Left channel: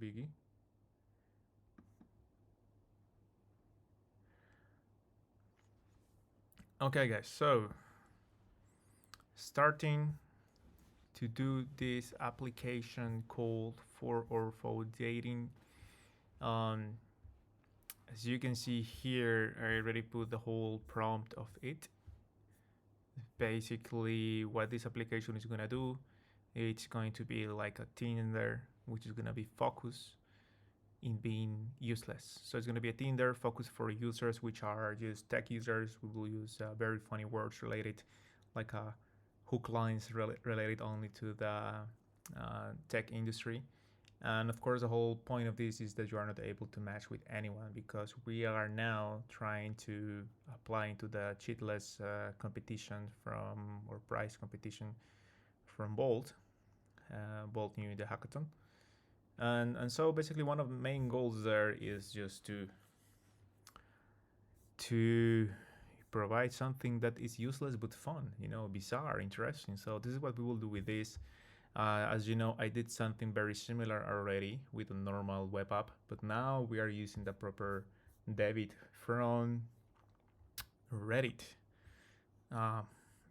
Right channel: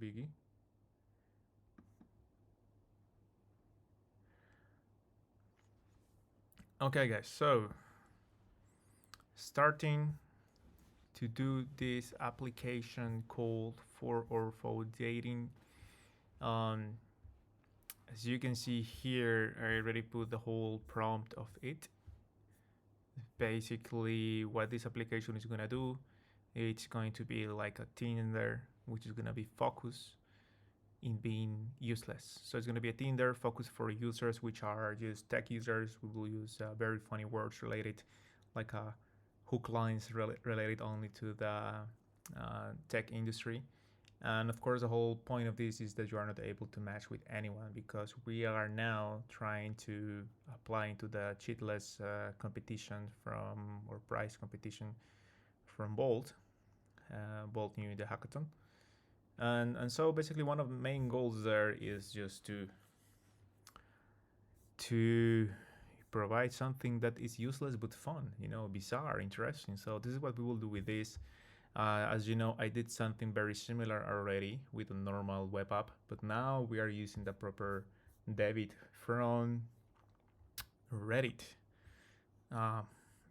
biggie. Okay, guys, so starting to do this application called for ortho dating. Um, as you can see here, I already put the whole prompt of it. Basically, what this application is gonna do, it's going to be like a Tinder, which is gonna be focused in being useless. So it's gonna be a Tinder focused for users which are just tech users. We will use very funny words related, like hook lines related only to the tech industry. And of course, the whole point of this is that you are not able to match with anyone, because we are now trying to apply into the cheatless competition from, or price competition from Bolt. Bolt new in the hackathon. And so basically one of the main goals there is just to provide something that is useless but fun, bizarre, interesting. So this is what we will do with this. As you know, I did something very similar already with a normal web app, but now we are using the proper debit from Reddit. Uh,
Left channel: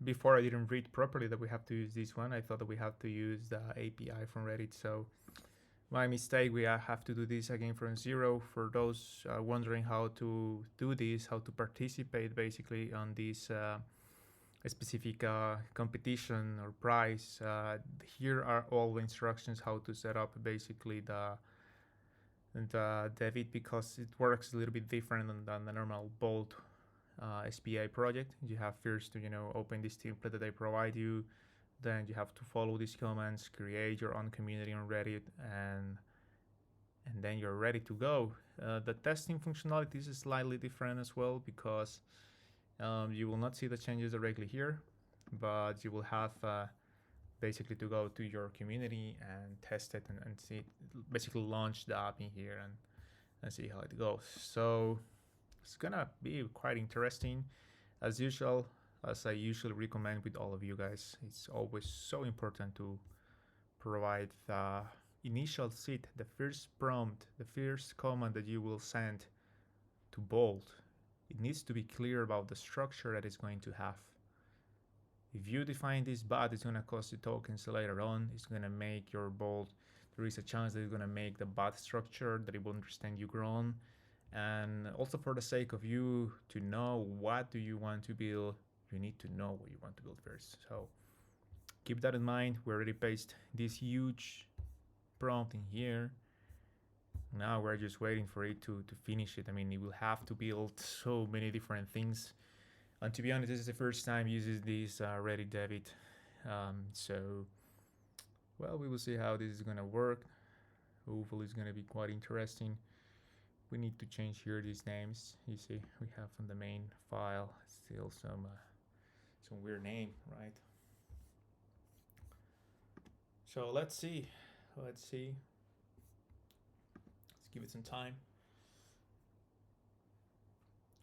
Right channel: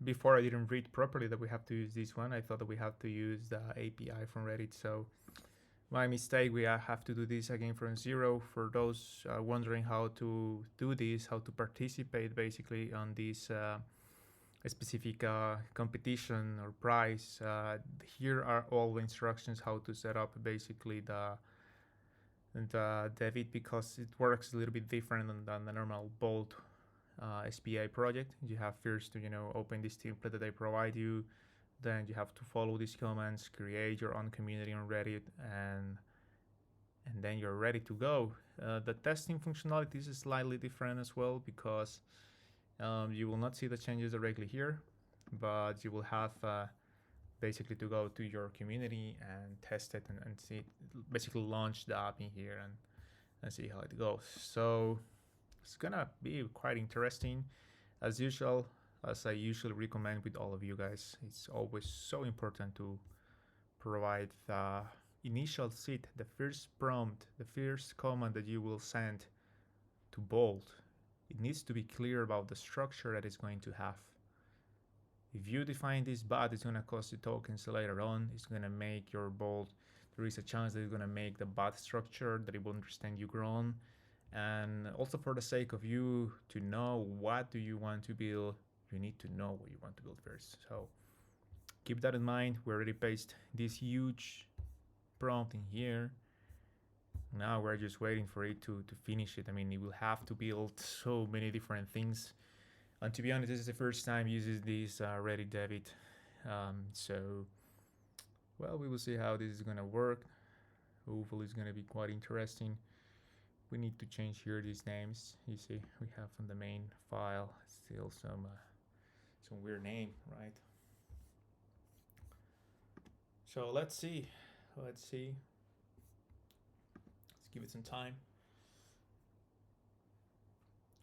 Before I didn't read properly that we have to use this one. I thought that we have to use the API from Reddit. So my mistake, we have to do this again from zero. For those wondering how to do this, how to participate basically on this specific competition or prize, here are all the instructions how to set up basically the debit, because it works a little bit different than the normal Bolt SPA project. You have first to open this template that they provide you, then you have to follow these commands, create your own community on Reddit, and then you're ready to go. The testing functionality is slightly different as well, because you will not see the changes directly here, but you will have basically to go to your community and test it and see it, basically launch the app in here and see how it goes. So it's gonna be quite interesting. As usual, as I usually recommend with all of you guys, it's always so important to provide the initial seed, the first prompt, the first command that you will send to Bolt. It needs to be clear about the structure that it's going to have. If you define this bot, it's going to cost you tokens later on. It's going to make your Bolt. There is a chance that it's going to make the bot structure that it will understand you grown. And also for the sake of you to know what do you want to build, you need to know what you want to build first. So keep that in mind. We already pasted this huge prompt in here. Now we're just waiting for it to finish it. I mean, it will have to build so many different things. And to be honest, this is the first time uses this Reddit debit. So, well, we will see how this is gonna work. Hopefully it's gonna be quite interesting. We need to change here these names. You see, we have on the main file still some weird name, right? So let's see. Let's give it some time.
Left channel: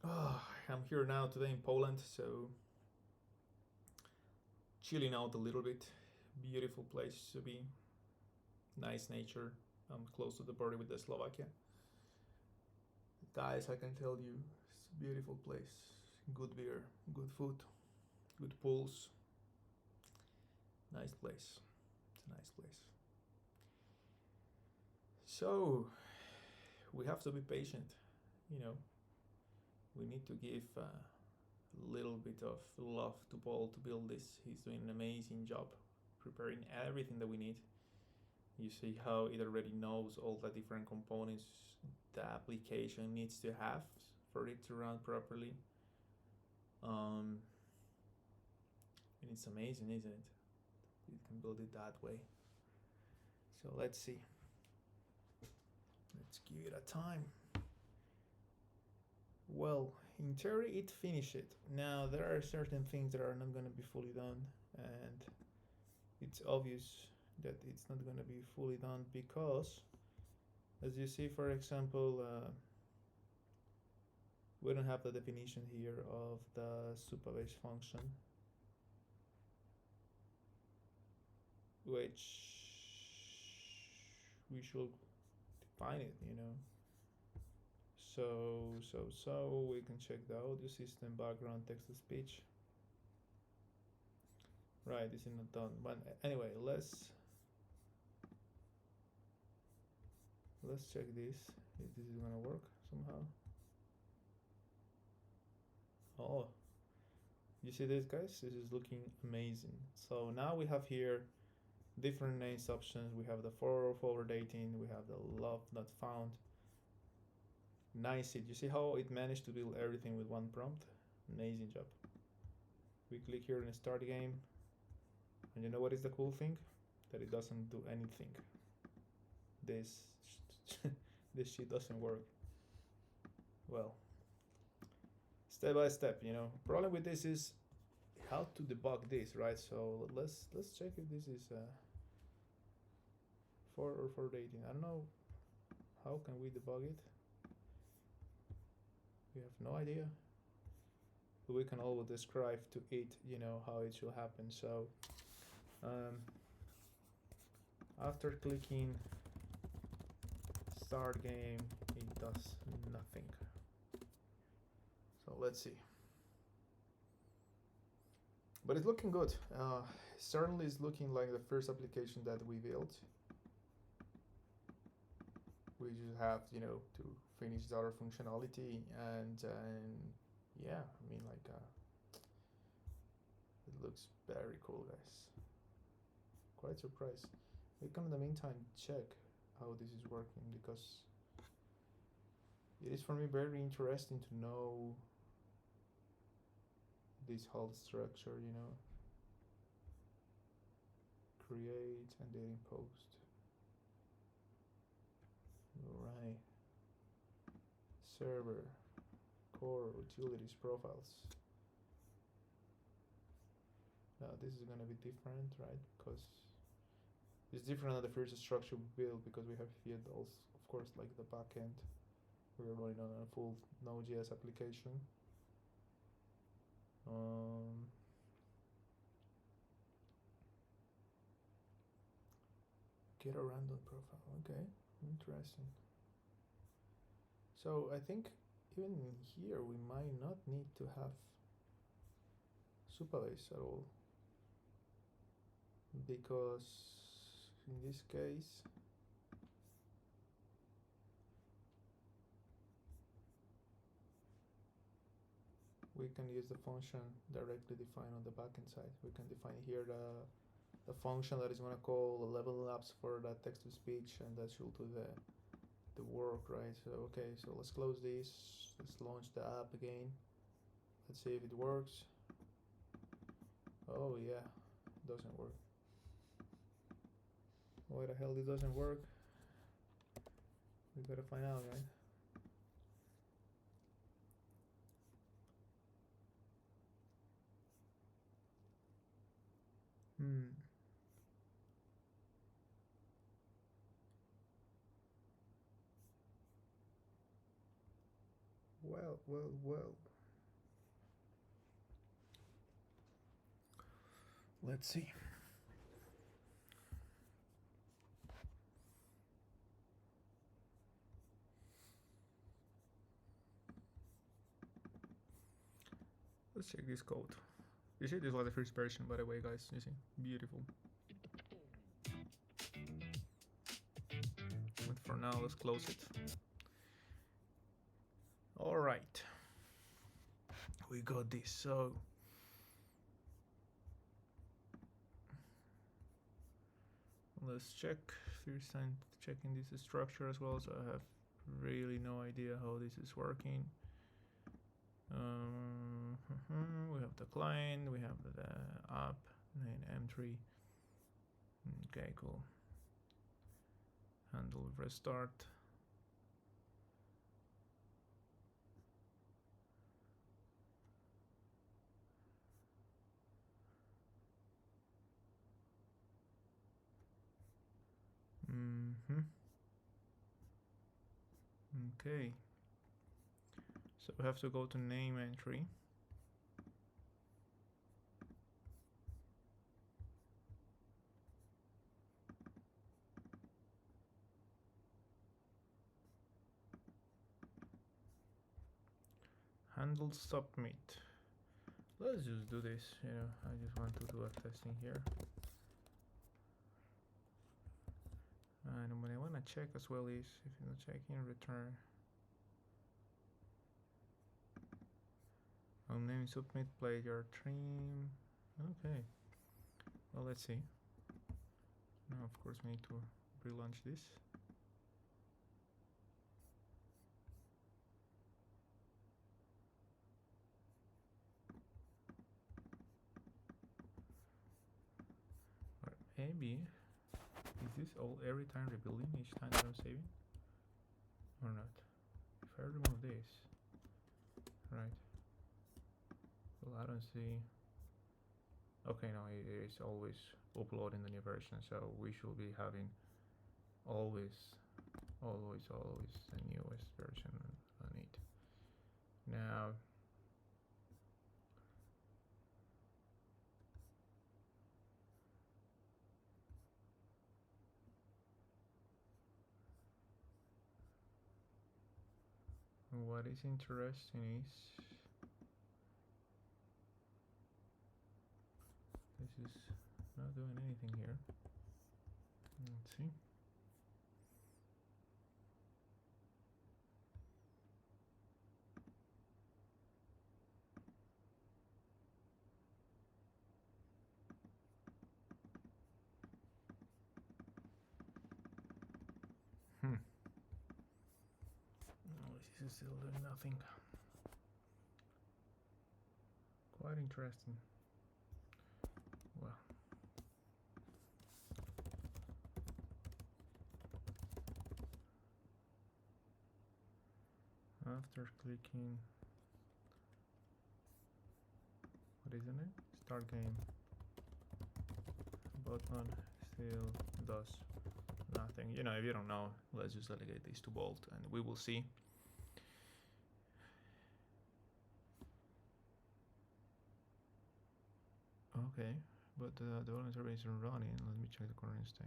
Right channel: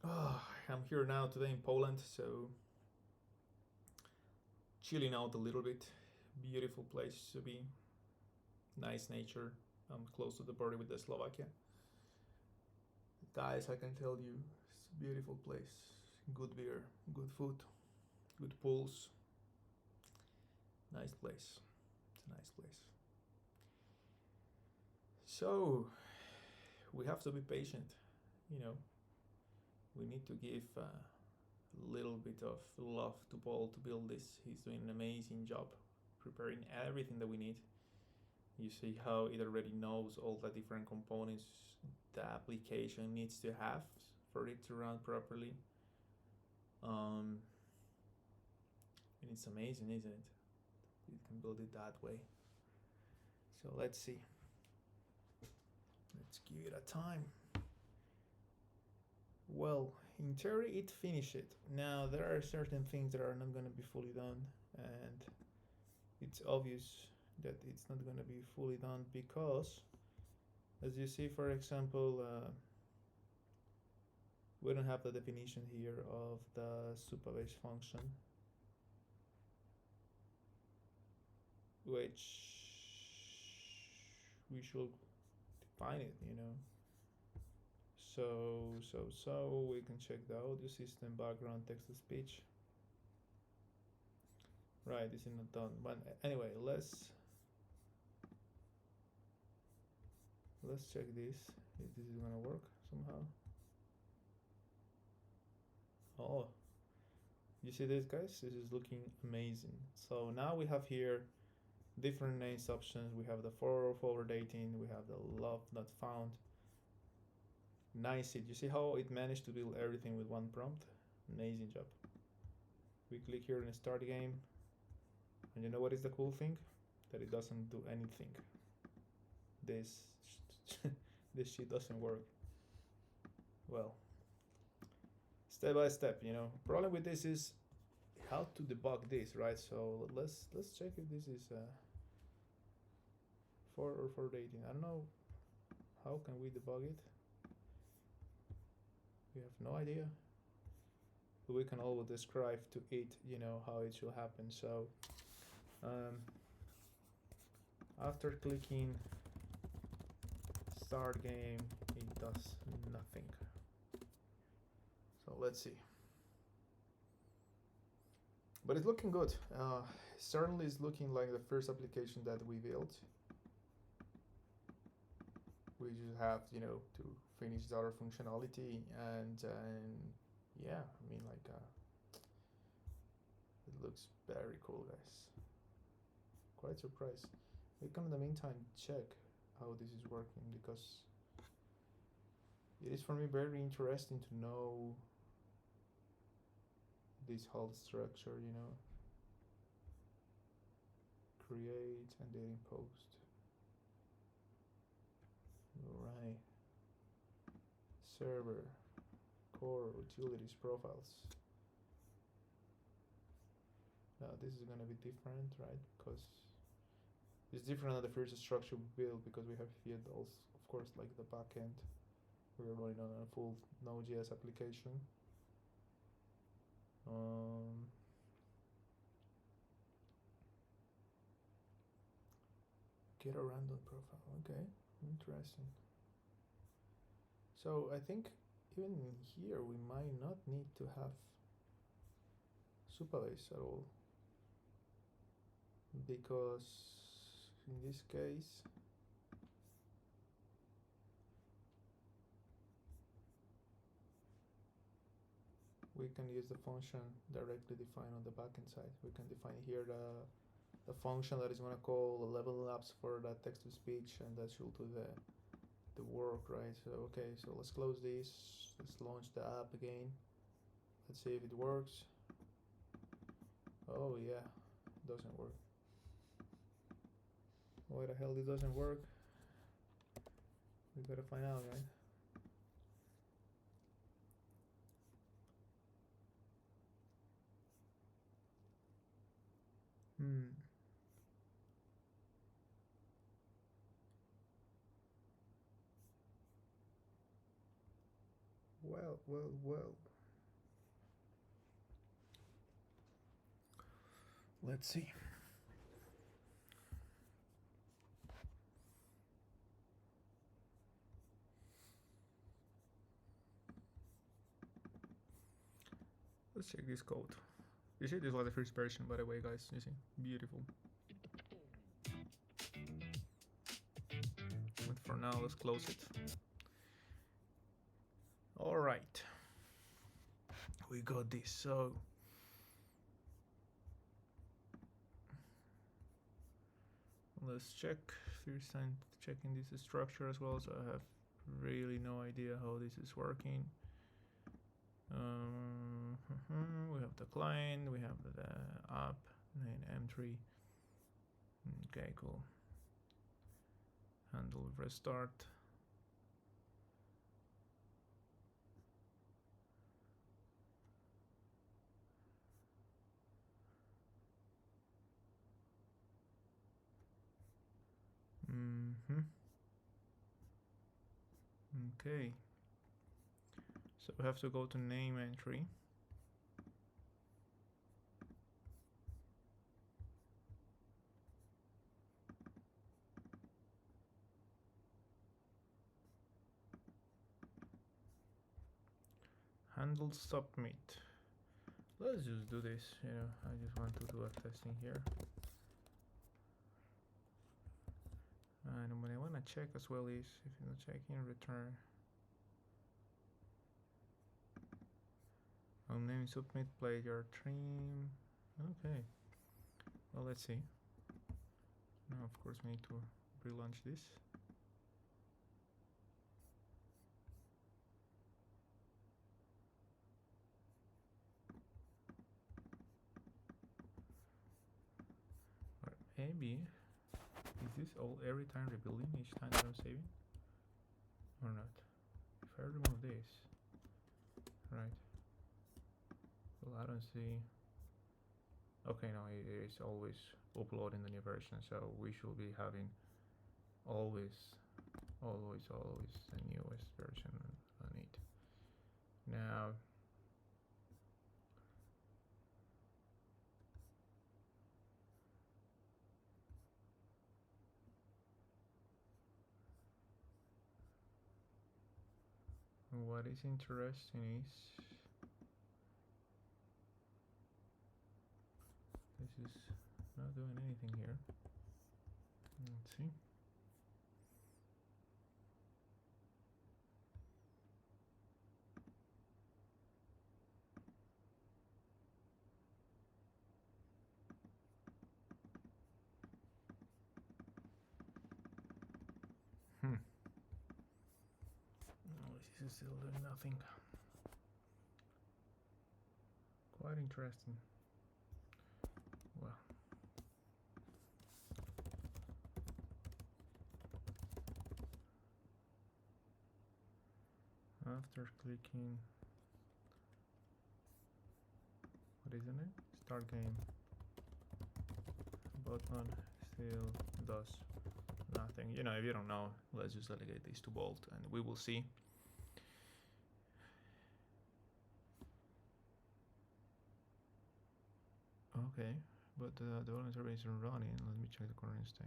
Oh, I'm here now today in Poland, so chilling out a little bit. Beautiful place to be. Nice nature. I'm close to the border with the Slovakia. Guys, I can tell you, it's a beautiful place. Good beer, good food, good pools. Nice place. It's a nice place. So, we have to be patient. We need to give a little bit of love to Paul to build this. He's doing an amazing job preparing everything that we need. You see how it already knows all the different components the application needs to have for it to run properly. And it's amazing, isn't it? You can build it that way. So let's see. Let's give it a time. Well, in theory, it finished it. Now, there are certain things that are not going to be fully done, and it's obvious that it's not going to be fully done because, as you see, for example, we don't have the definition here of the supervised function, which we should find it, you know. So we can check the audio system, background, text to speech. Right, this is not done. But anyway, let's check this. If this is gonna work somehow. Oh, you see this, guys? This is looking amazing. So now we have here different names options. We have the forward dating. We have the love not found. Nice it. You see how it managed to build everything with one prompt? Amazing job. We click here in start game. And you know what is the cool thing? That it doesn't do anything. This this shit doesn't work. Well, step by step, you know. Problem with this is how to debug this, right? So let's check if this is for dating. I don't know how can we debug it. We have no idea. But we can always describe to it, you know, how it should happen. So after clicking start game, it does nothing. So let's see. But it's looking good. Certainly is looking like the first application that we built. We just have, you know, to finish our functionality and yeah, I mean, like it looks very cool, guys. Quite surprised. We can in the meantime check how this is working, because it is for me very interesting to know this whole structure, you know. Create and then post. Alright. Server, core, utilities, profiles. Now this is gonna be different, right? Because it's different than the first structure we built, because we have here those, of course, like the backend. We're running on a full Node.js application. Get a random profile. Okay, interesting. So I think even here we might not need to have Supabase at all, because in this case we can use the function directly defined on the backend side. We can define here the function that is going to call the level labs for that text to speech, and that should do the work, right? So okay, so let's close this. Let's launch the app again. Let's see if it works. Oh yeah, it doesn't work. Why the hell it doesn't work? We gotta find out, right? Well. Let's see. Let's check this code. You see, this was the first version, by the way, guys. You see, beautiful. But for now, let's close it. All right, we got this. So let's check. First time checking this structure as well, so I have really no idea how this is working. We have the client, we have the app, and M3. Okay, cool. Handle restart. Okay. So we have to go to name entry. handle submit. Let's just do this, you know, I just want to do a testing here. And what I want to check as well is, if you're not checking, return. Name submit player trim. Okay. Well, let's see. Now, of course, we need to relaunch this. Or maybe, is this all every time rebuilding each time that I'm saving? Or not? If I remove this, right? Well, I don't see. Okay, no, it is always uploading the new version, so we should be having always the newest version on it. Now, what is interesting is this is not doing anything here. Let's see. No, this is still doing nothing. Quite interesting. Well, after clicking, what is in it? Start game button still does nothing. You know, if you don't know, let's just delegate this to Bolt and we will see. Okay, but the voluntary isn't running. Let me check the current state.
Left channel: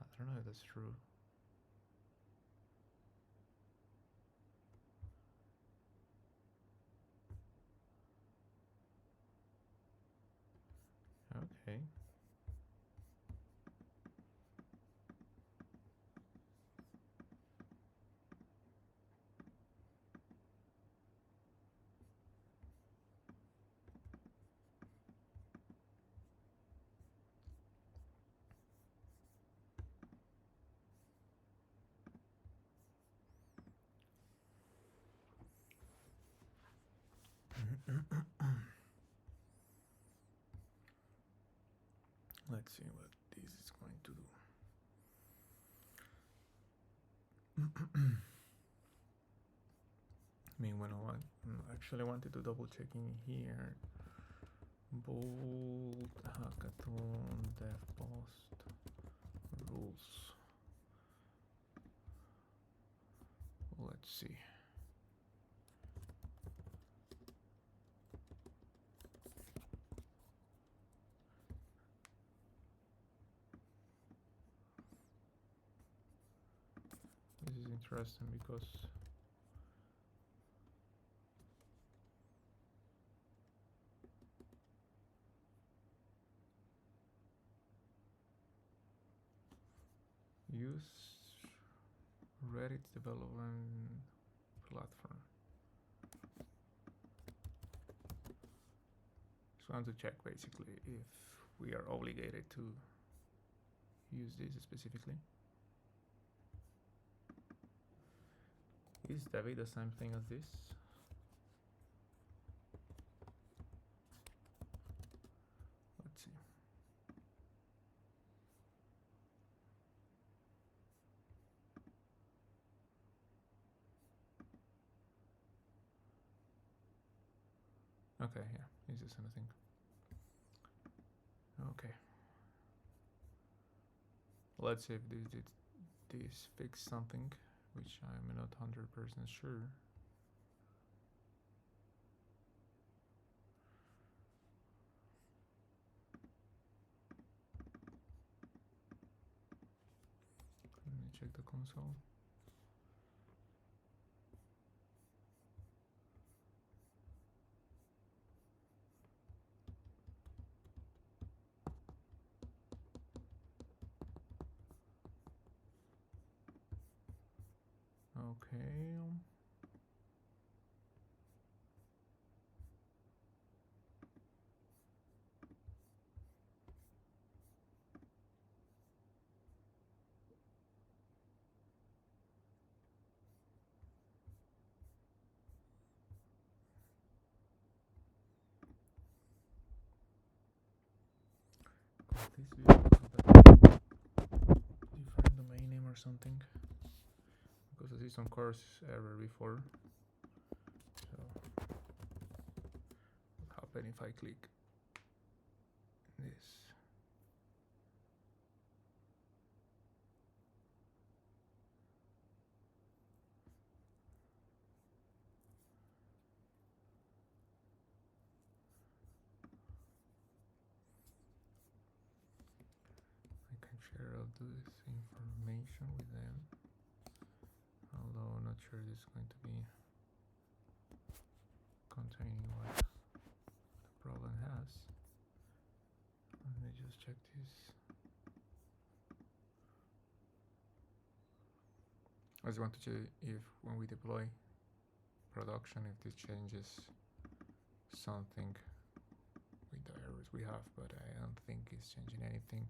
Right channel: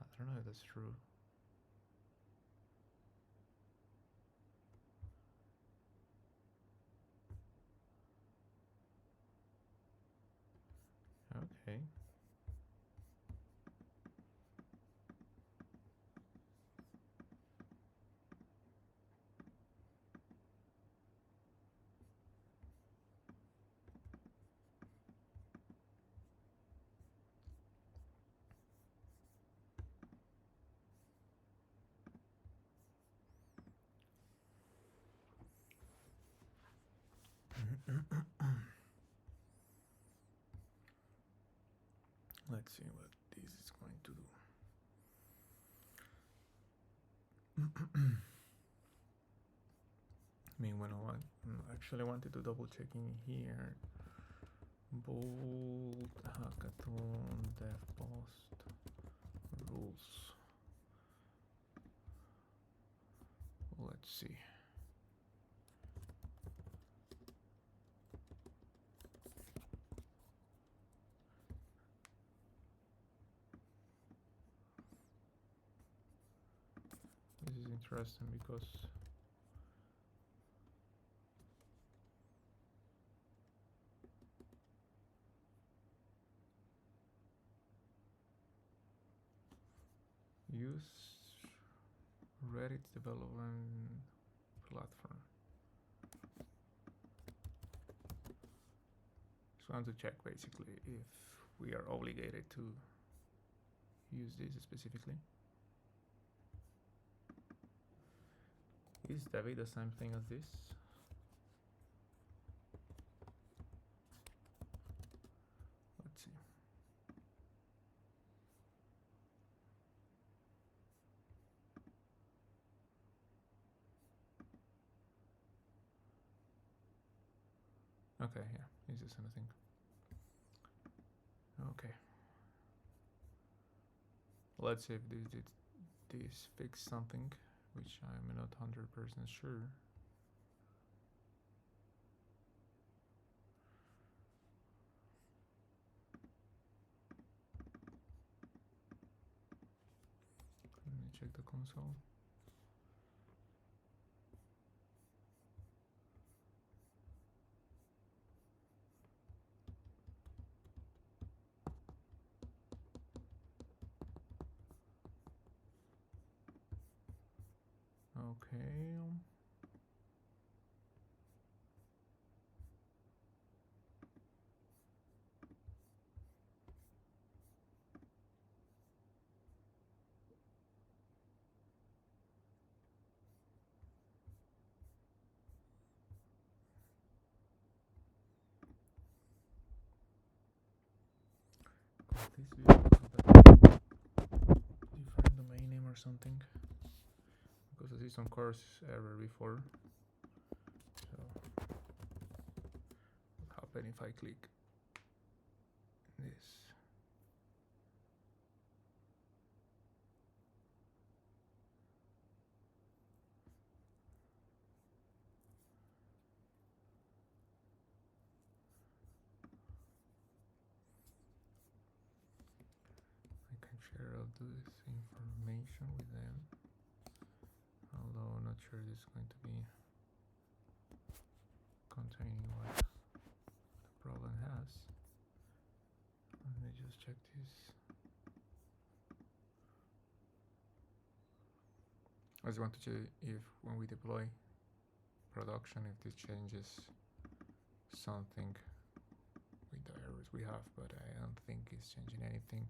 I don't know if that's true. Okay. Let's see what this is going to do. I mean, when I actually wanted to double check in here. Bold hackathon dev post rules. Let's see. This is interesting because use Reddit's development platform. Just want to check basically if we are obligated to use this specifically. Is David the same thing as this? Let's see. Okay, yeah, is this anything? Okay. Let's see if this fix something, which I'm not 100% sure. Let me check the console. Okay. This video different domain name or something, because I see some course error before. So what happen if I click this? I can share all this information with them, although I'm not sure this is going to be containing what the problem has. Let me just check this. I just want to check if when we deploy production, if this changes something with the errors we have, but I don't think it's changing anything.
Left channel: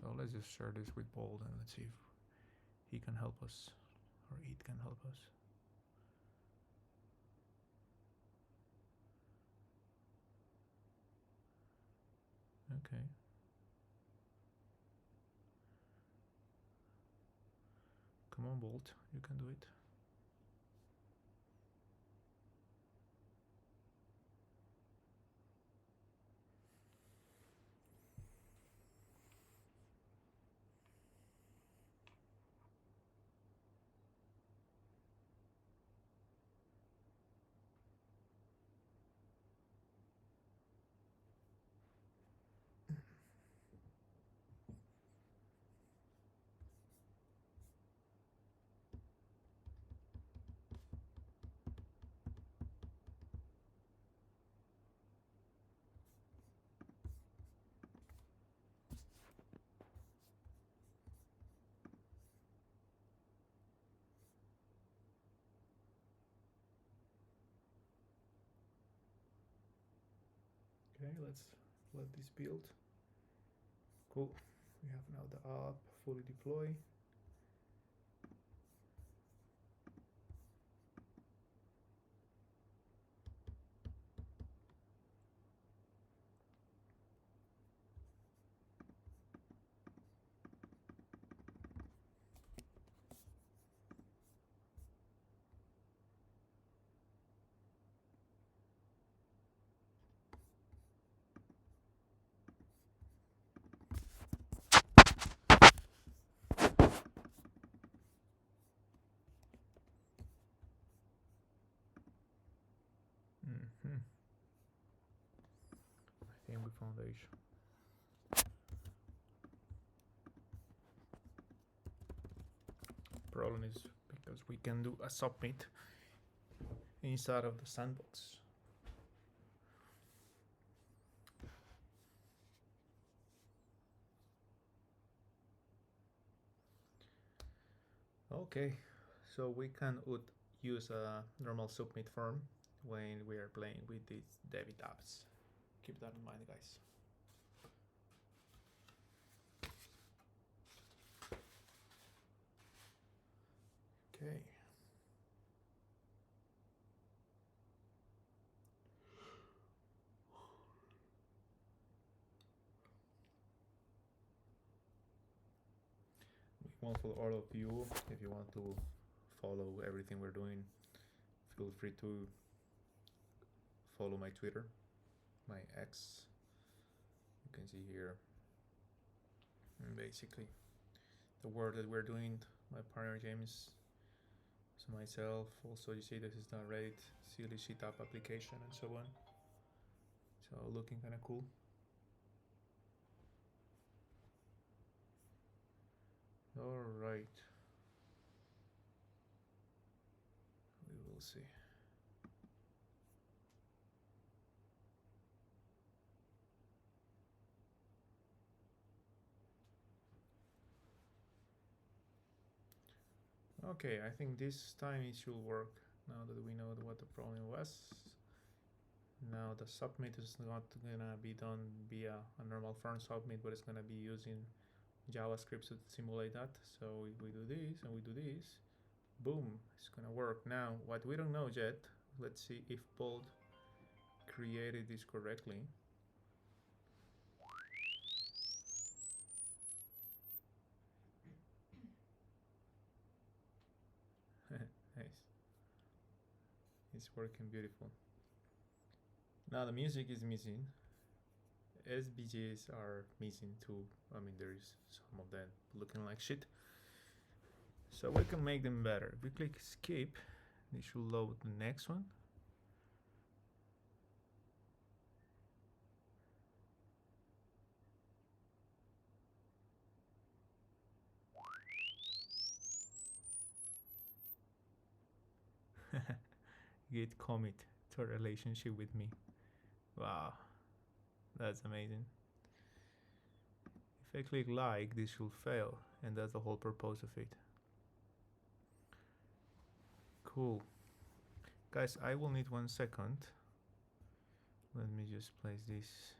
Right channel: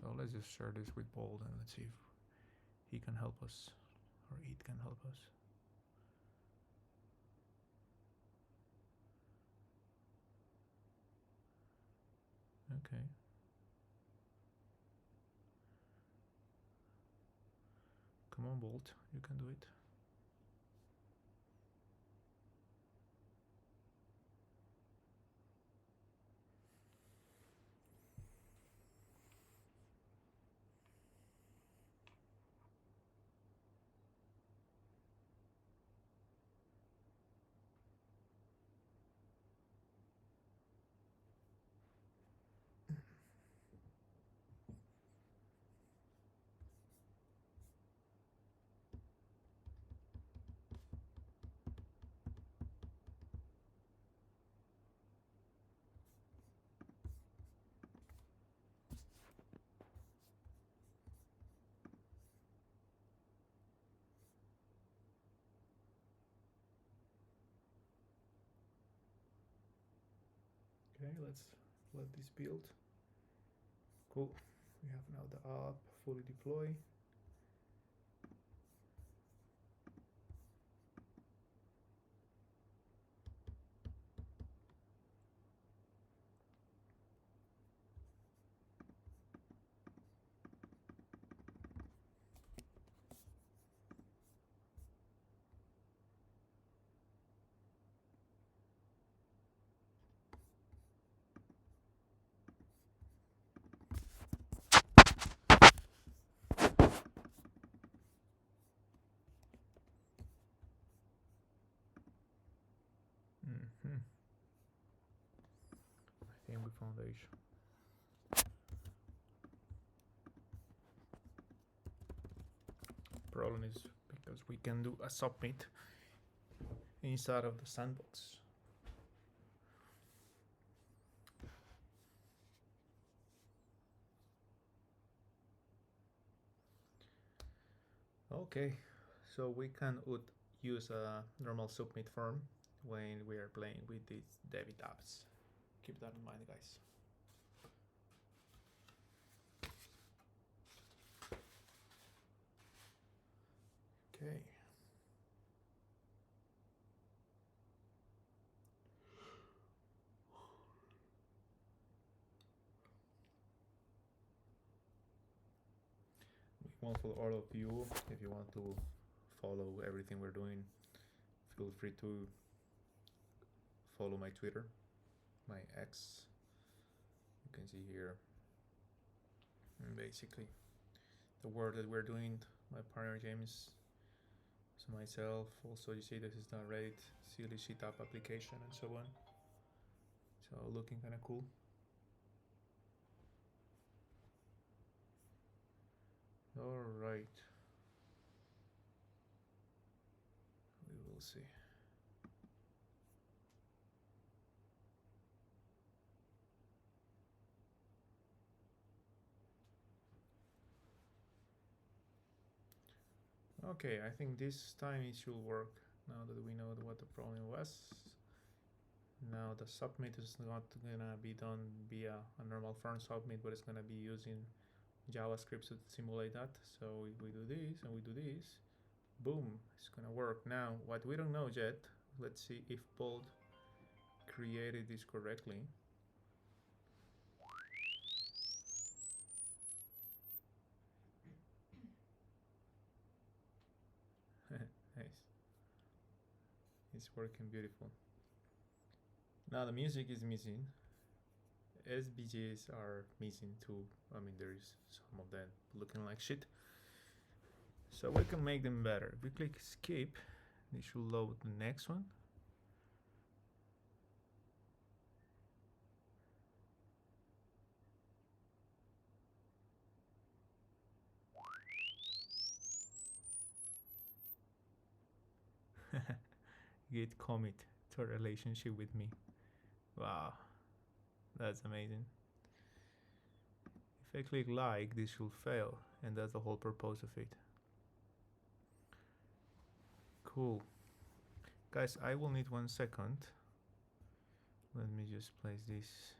So let's just share this with Bold and let's see if he can help us, or it can help us. Okay. Come on, Bolt, you can do it. Okay, let's let this build. Cool. We have now the app fully deployed. I think we found the issue. Problem is because we can do a submit inside of the sandbox. Okay, so we can use a normal submit form when we are playing with these debit apps. Keep that in mind, guys. Okay. Well, for all of you, if you want to follow everything we're doing, feel free to follow my Twitter, my X. You can see here, and basically the work that we're doing, my partner James, so myself. Also, you see this is the Reddit silly shit app application and so on. So looking kind of cool. All right, we will see. Okay, I think this time it should work. Now that we know what the problem was. Now the submit is not gonna be done via a normal form submit, but it's gonna be using JavaScript to simulate that. So if we do this and we do this, boom, it's gonna work. Now what we don't know yet, let's see if Bolt created this correctly. Nice. It's working beautiful. Now the music is missing. SVGs are missing too. I mean, there's some of them looking like shit. So we can make them better. If we click skip, they should load the next one. Git commit to a relationship with me. Wow, that's amazing. If I click like, this should fail, and that's the whole purpose of it. Cool. Guys, I will need 1 second. Let me just place this.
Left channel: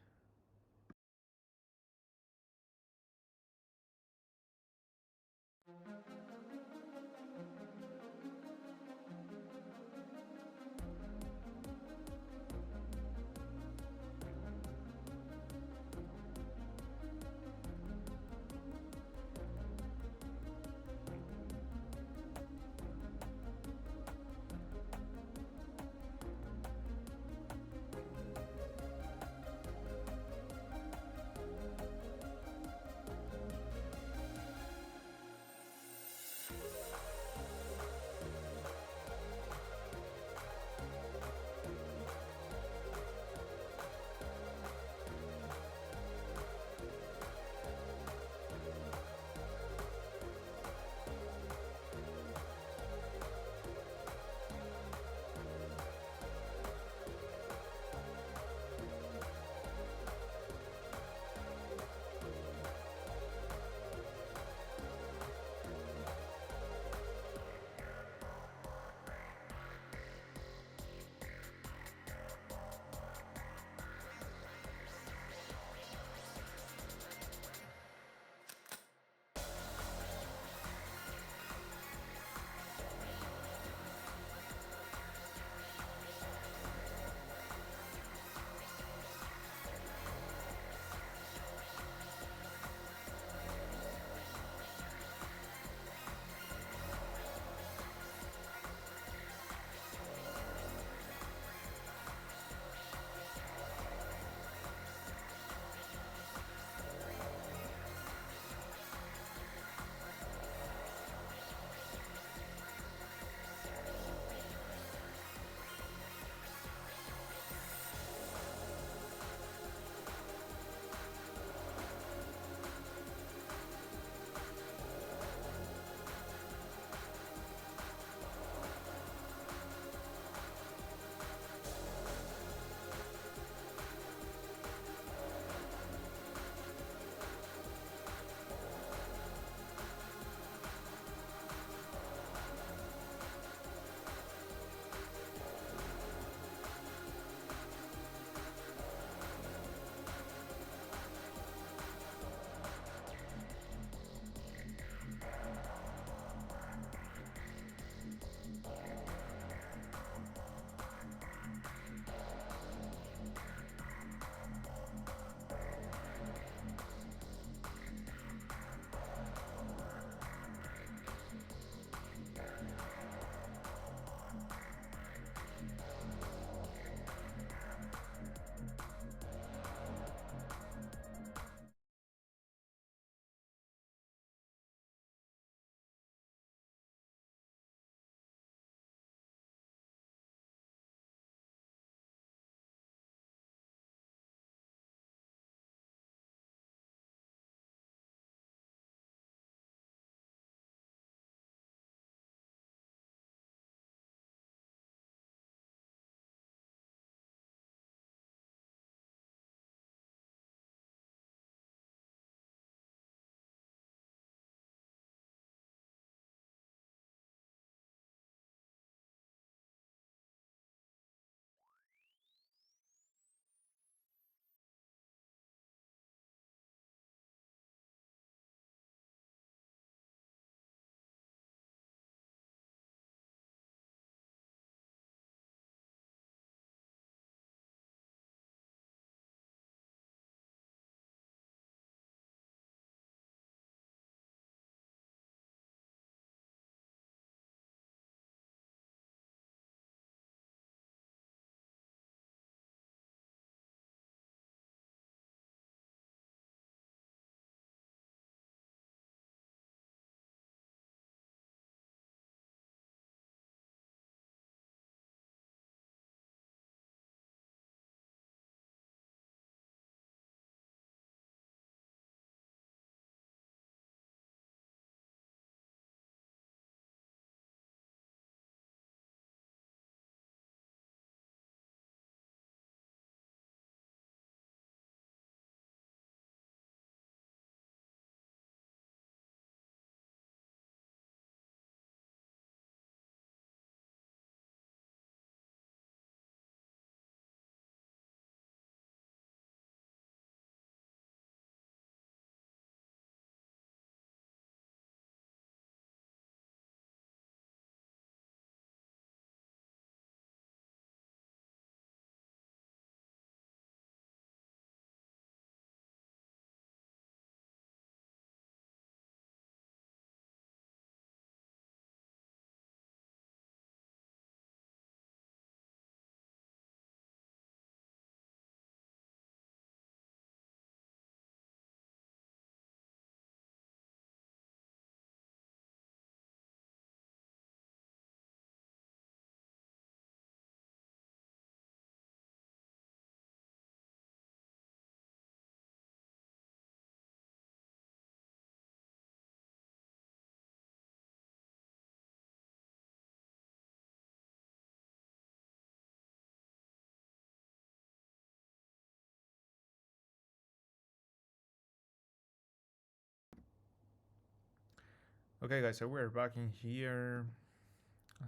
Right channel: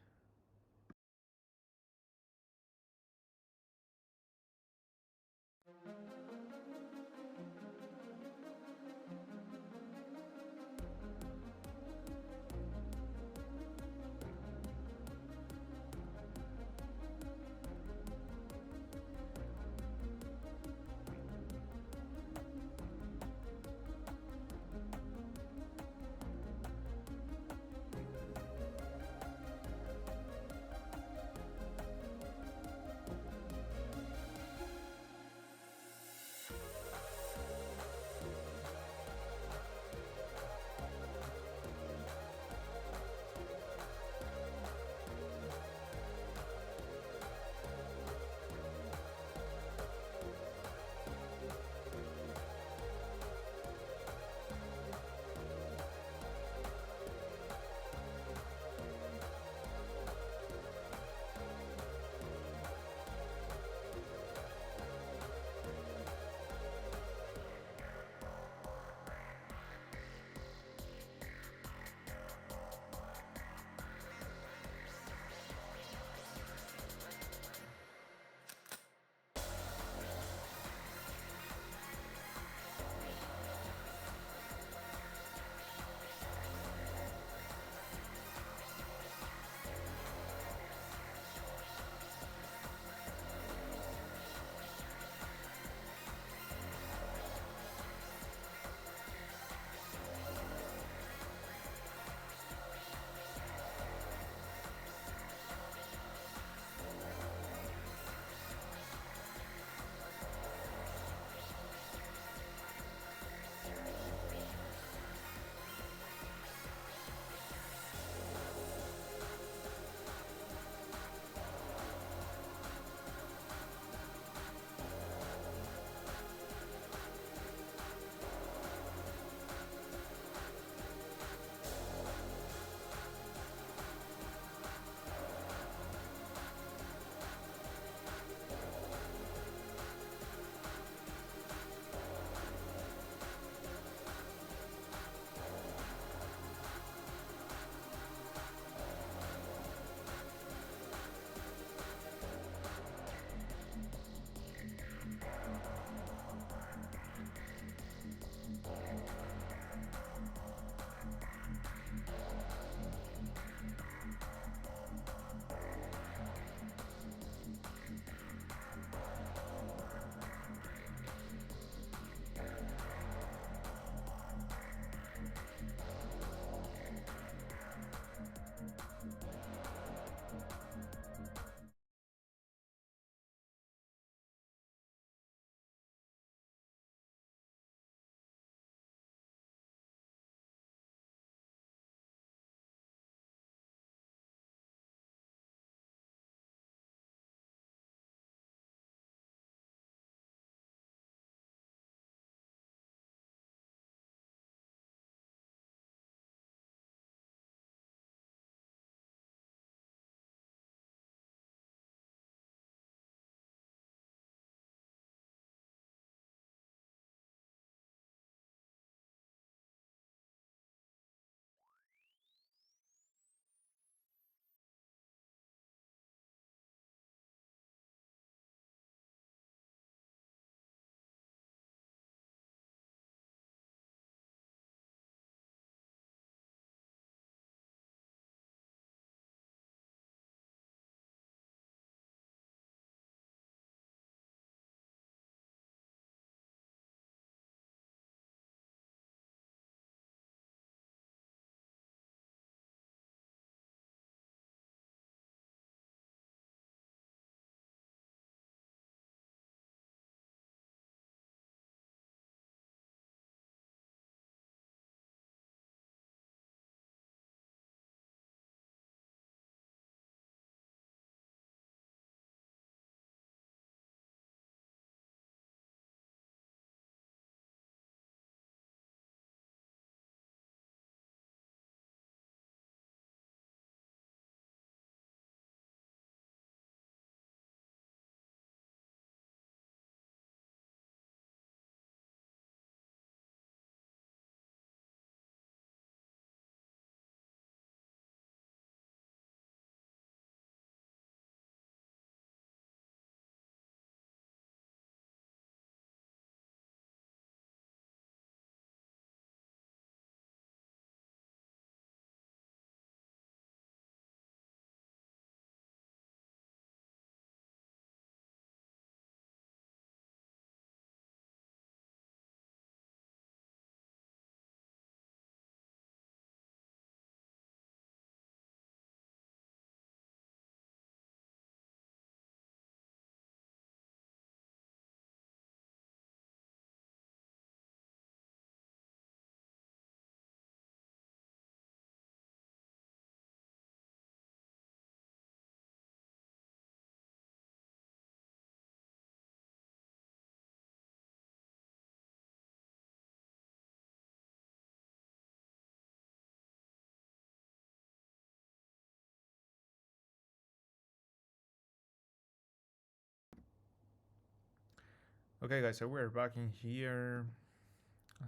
Okay guys, so we're back in here.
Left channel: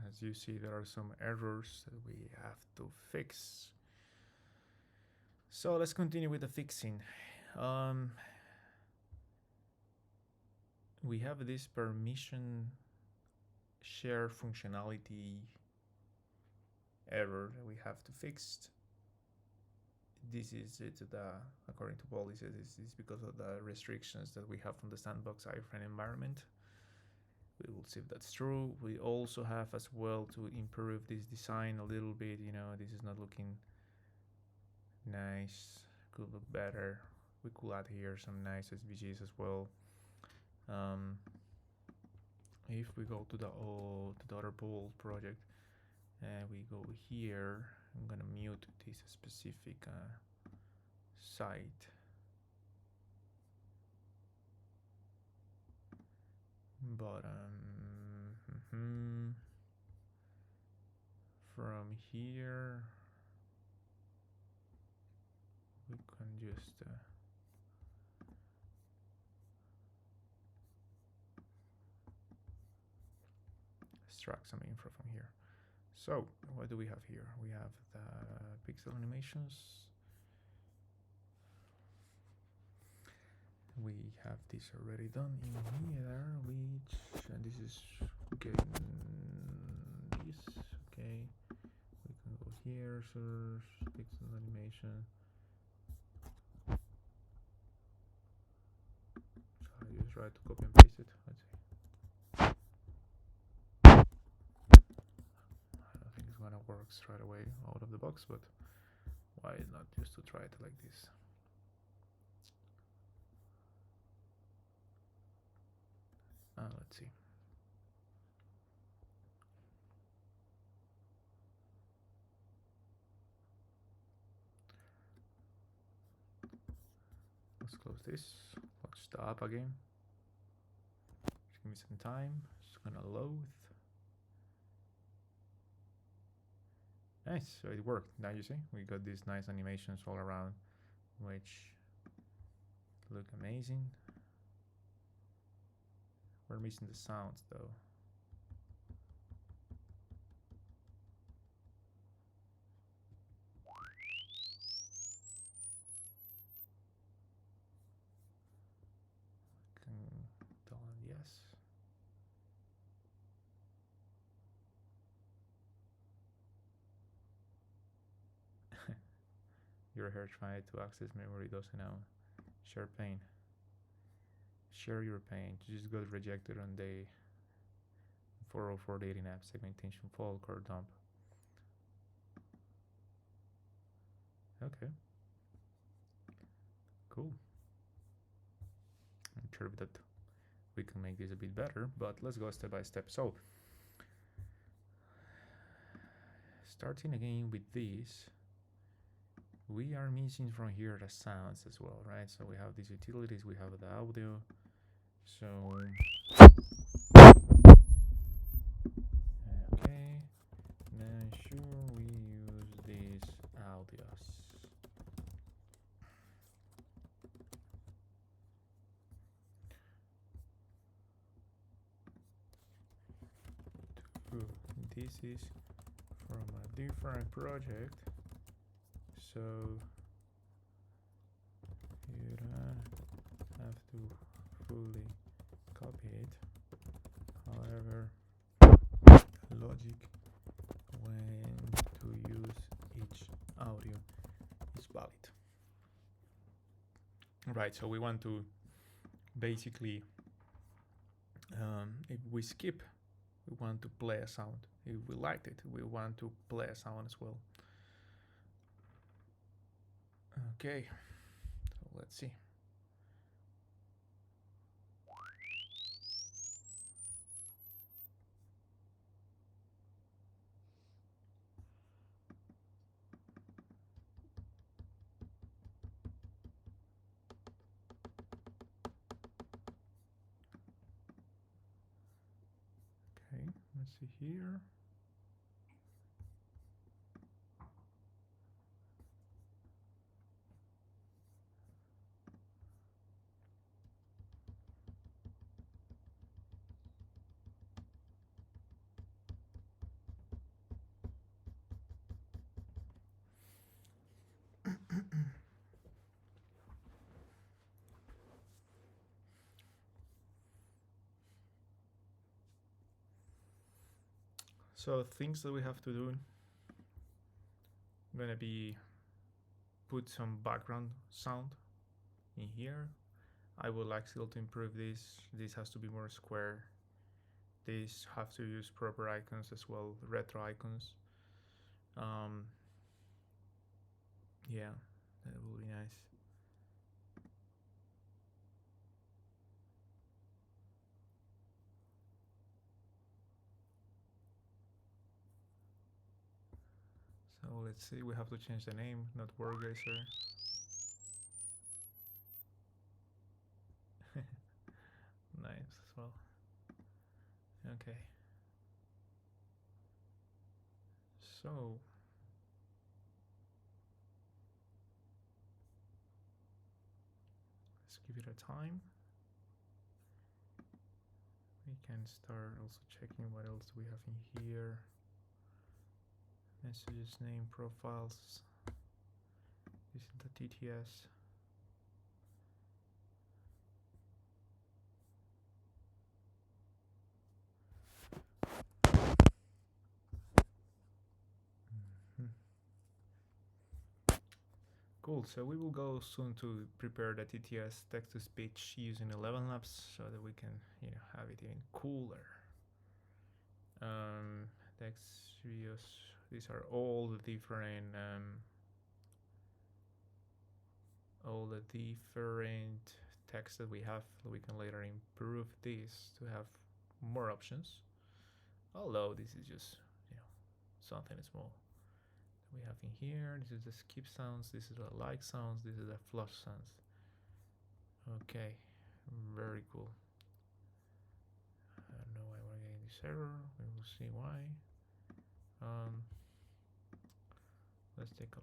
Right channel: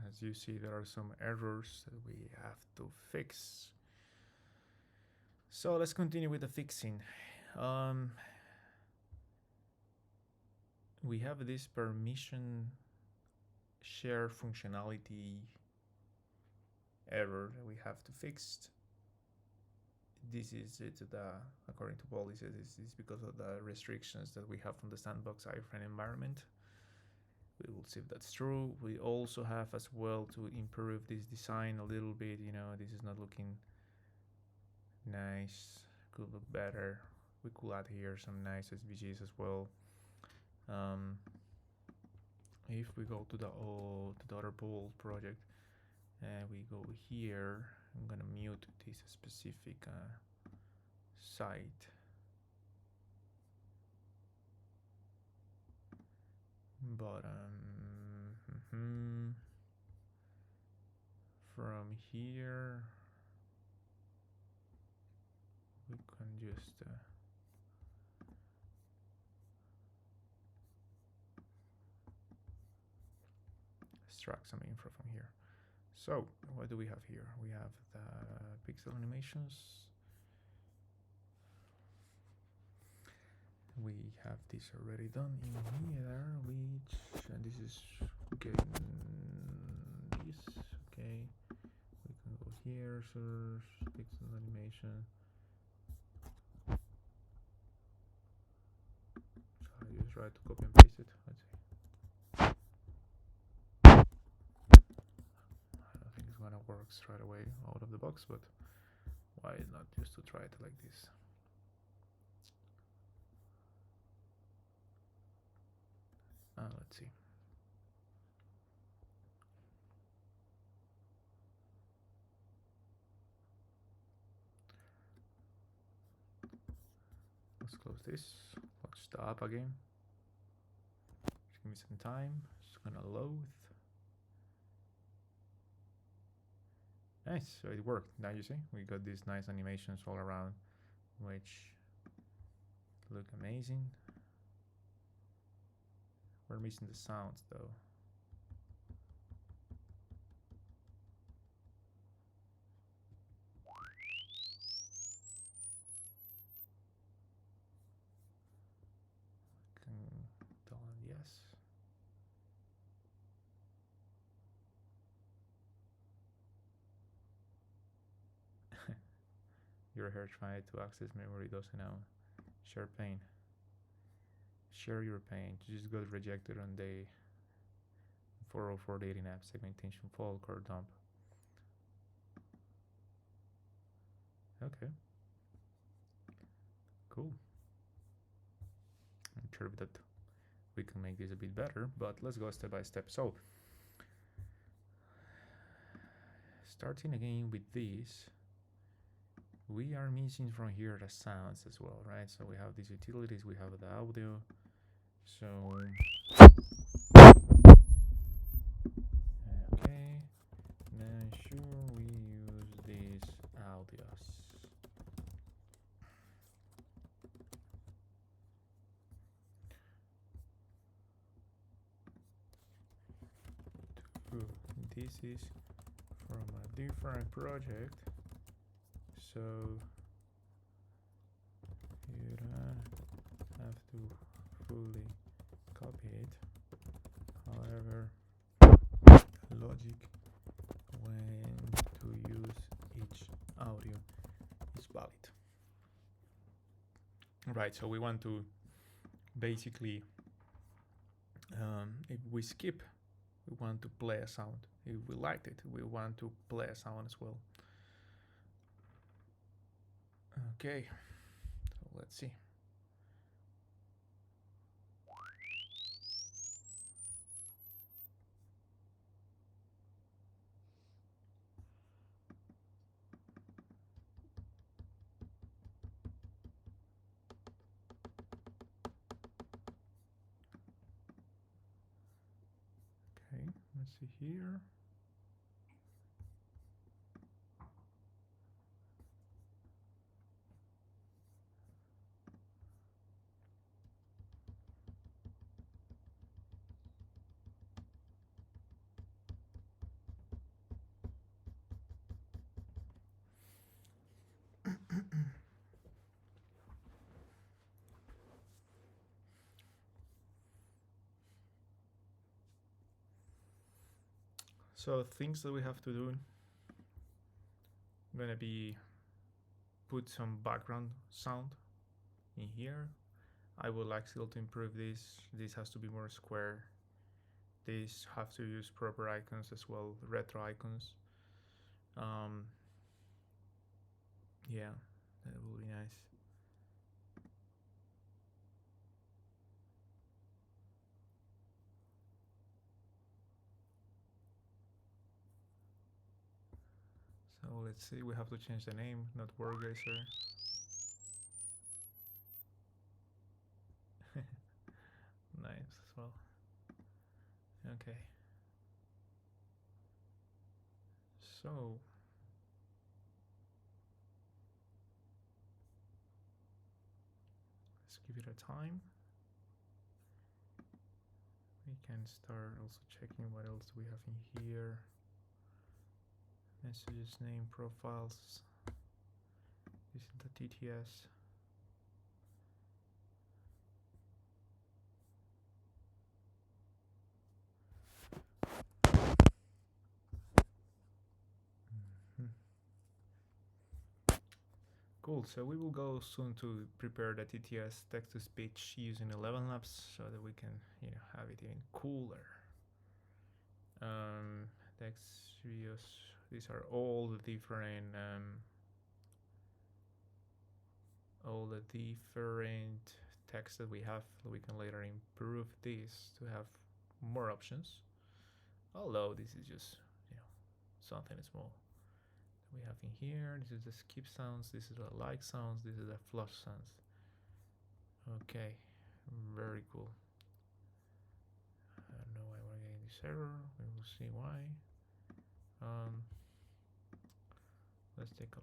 As you see, there are some errors that we have to fix. So let's continue with the fixing. We have this permission share functionality error that we have to fix. This is it, according to policy, this is because of the restrictions that we have from the sandbox iframe environment. We will see if that's true. We also have as well to improve this design a little bit. You know, this is not looking nice, could look better. We could add here some nice SVGs as well. If we go to the other bold project and we go here, I'm gonna mute this specific site. But from here we can just extract some info from here. So what do we have here? We have the pixel animations. We have this already done in here, which, and this is getting this, okay. We can go here, search, pixel animation. So I just try to copy and paste it, let's see. I don't think it's gonna work straight away out of the box, but why not just to try it like this? Let's see. Let's close this. Let's stop again. Just give me some time. It's gonna load. Nice, so it worked. Now you see, we got these nice animations all around, which look amazing. We're missing the sounds though. Tell them yes. Your hair trying to access memory doesn't know. Share pain. Share your pain. You just got rejected on day 404 dating app segmentation fault or dump. Okay. Cool. I'm sure that we can make this a bit better, but let's go step by step. So, starting again with this, we are missing from here the sounds as well, right? So we have these utilities, we have the audio. So, okay, now sure we use these audios. This is from a different project, so you don't have to fully copy it. However, logic when to use each audio is valid. Right, so we want to basically, if we skip, we want to play a sound. If we liked it, we want to play a sound as well. Okay, so let's see. Okay, let's see here. So things that we have to do, I'm gonna be put some background sound in here. I would like still to improve this. This has to be more square. These have to use proper icons as well, retro icons. Yeah, that will be nice. So let's see, we have to change the name, not Wargazer. Nice as well. Okay. So let's give it a time. We can start also checking what else we have in here. Messages, name, profiles. This is the ttiest. Cool, so we will go soon to prepare the ttiest text-to-speech using 11 Labs so that we can, have it even cooler. Text videos, these are all the different text that we have. We can later improve this to have more options. Although this is just, something small we have in here. This is the skip sounds, this is the like sounds, this is the flush sounds. Okay, very cool. I don't know why we're getting this error. We will see why. Let's take a look.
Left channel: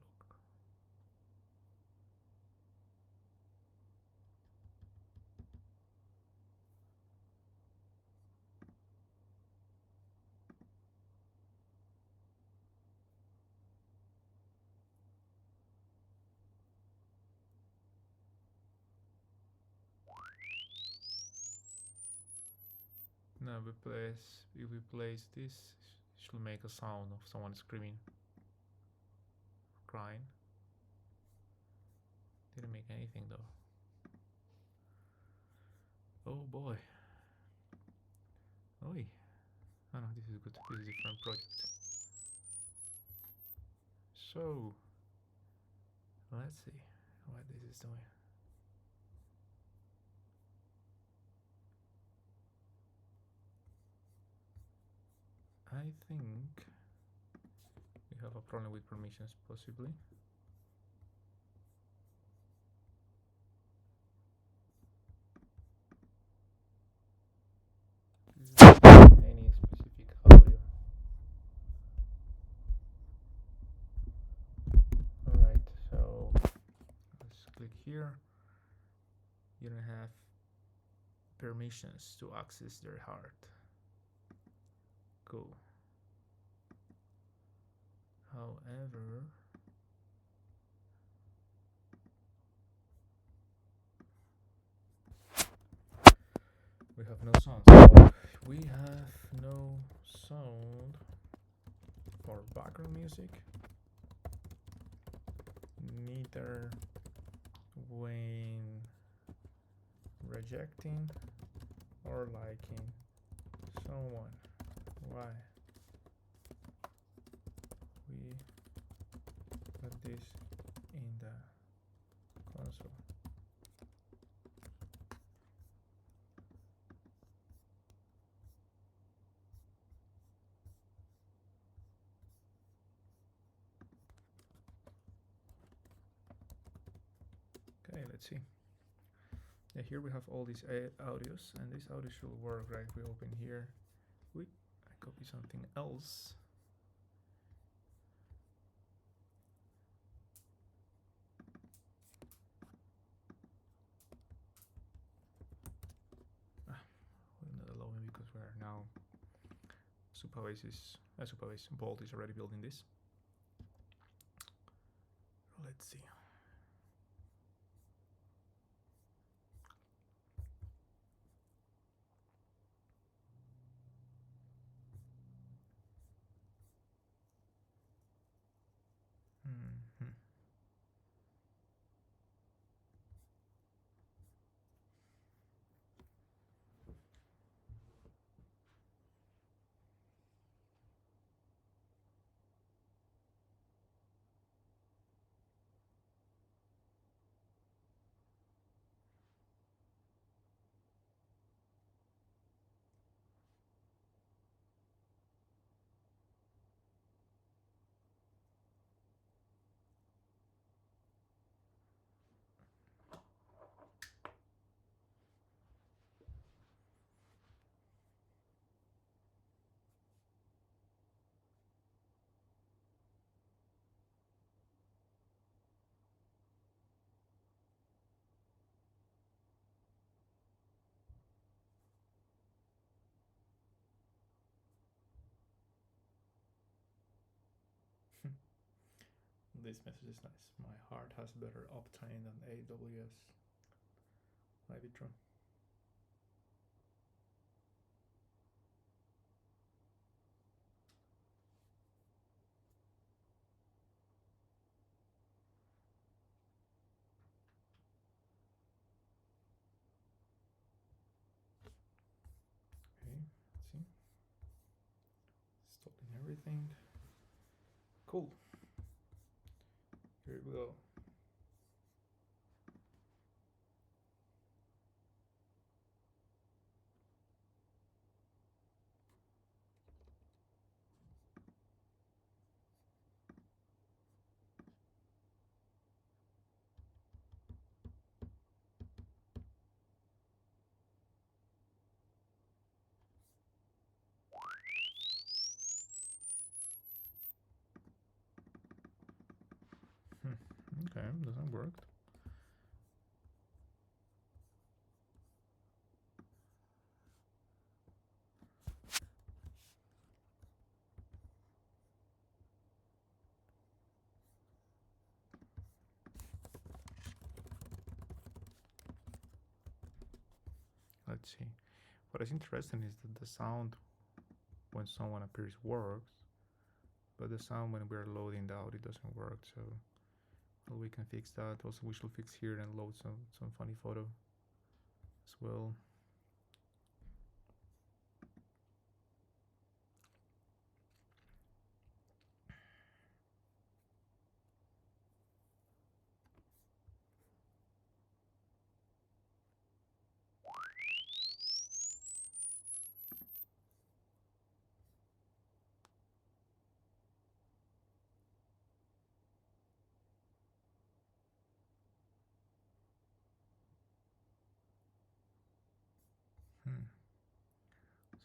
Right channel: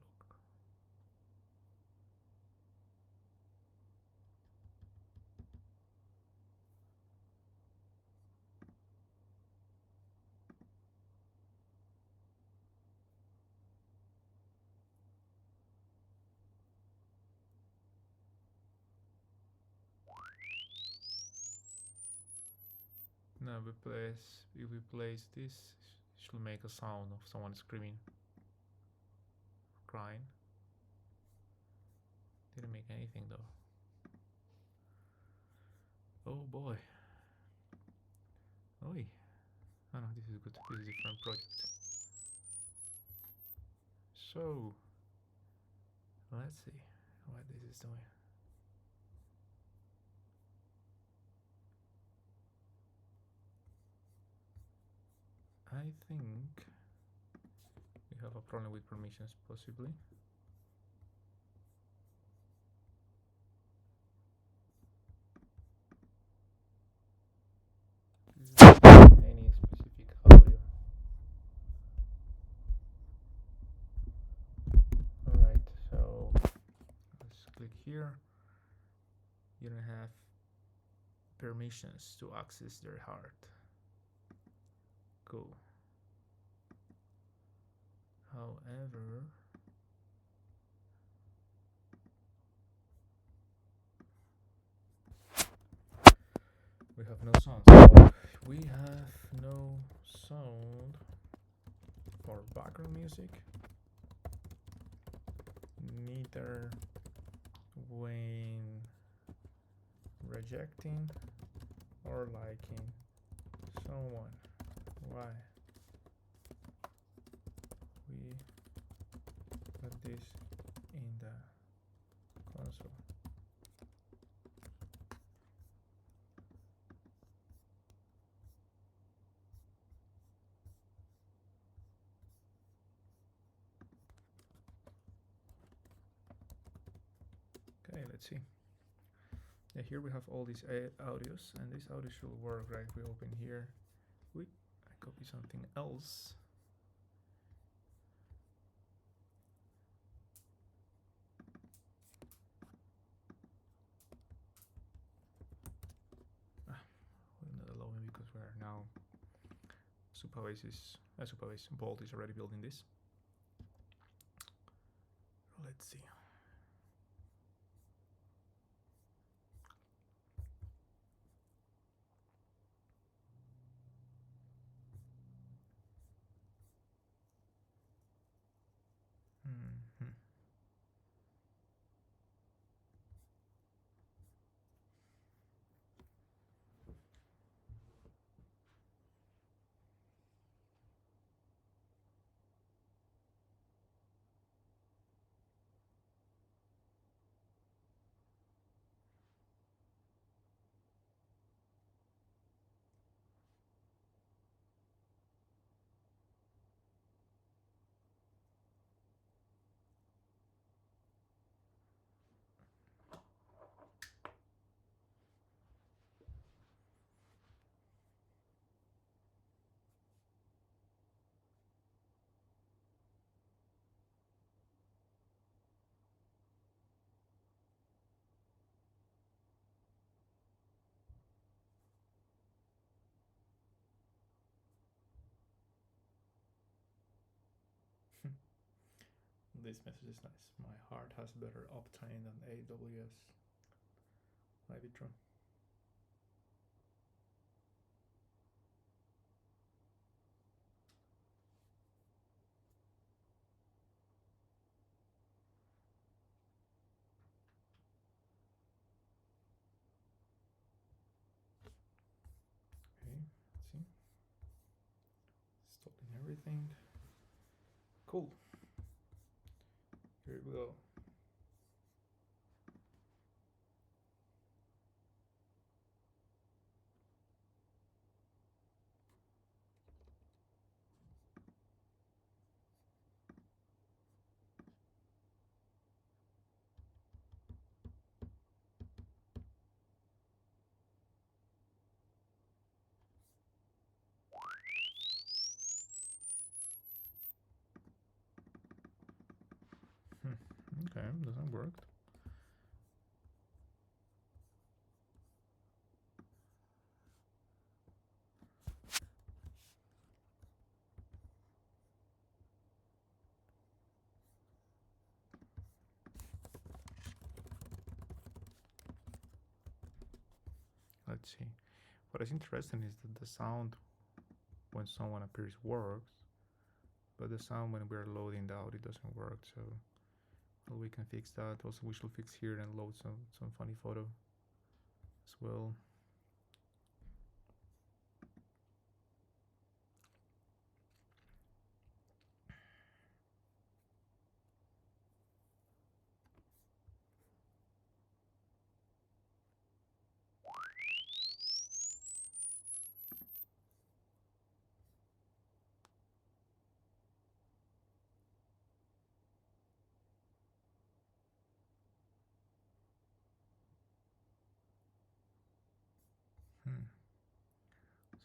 Now if we place this, it should make a sound of someone screaming, crying. Didn't make anything though. Oh boy. Oi. Oh no, this is good. This is a different project. So, let's see what this is doing. I think we have a problem with permissions, possibly. Any specific audio. Alright, so let's click here. You don't have permissions to access their heart. Cool. However, we have no sound. So we have no sound for background music, neither when rejecting or liking someone. Why? We put this in the console. Okay, let's see. Yeah, here we have all these audios, and this audio should work, right? We open here. I copy something else. Will not allow me because we are now Bolt is already building this. Let's see. this message is nice. My heart has better uptime than AWS. Might be true. Okay, let's see. Stopping everything. Cool. Here we go. Okay, doesn't work. Let's see. What is interesting is that the sound when someone appears works, but the sound when we're loading the audio doesn't work. So well, we can fix that. Also, we should fix here and load some funny photo as well.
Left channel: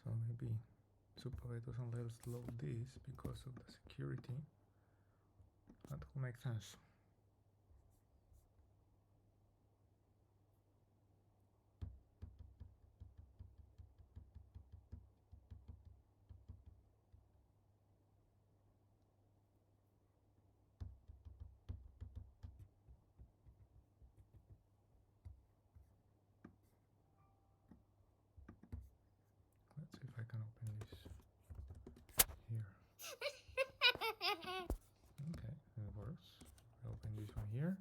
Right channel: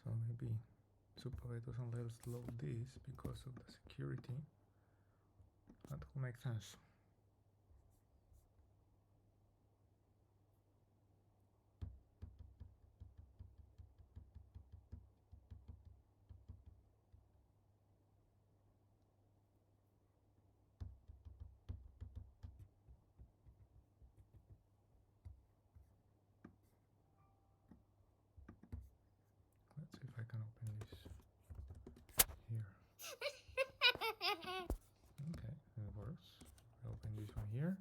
So maybe Superbay doesn't let us load this because of the security. That will make sense. Let's see if I can open this here. Okay, it works. I open this one here.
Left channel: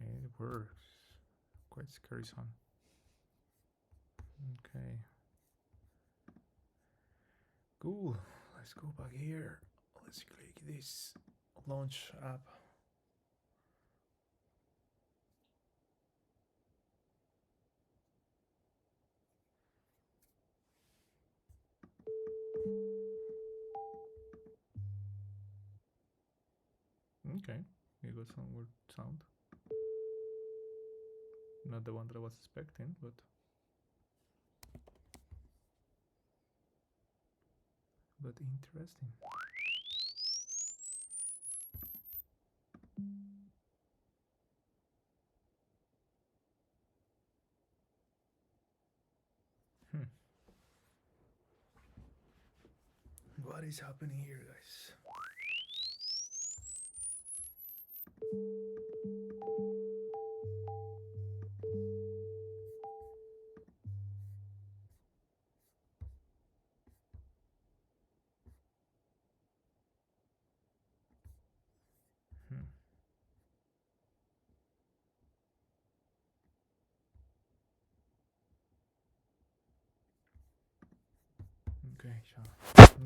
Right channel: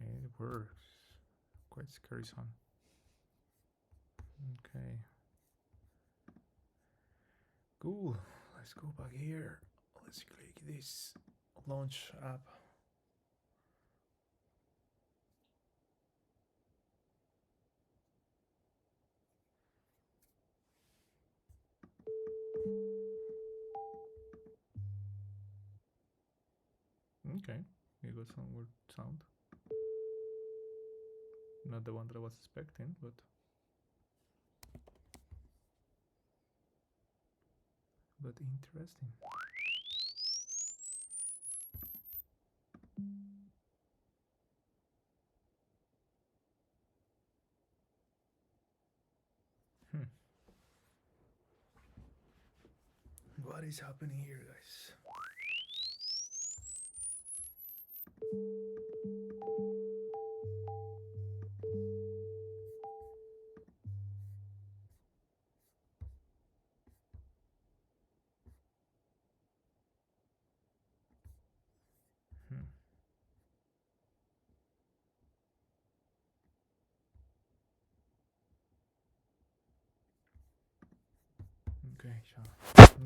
And it works. Quite scary sound. Okay. Cool. Let's go back here. Let's click this launch app. Okay, we got some weird sound. Not the one that I was expecting, but interesting. What is happening here, guys? Okay, so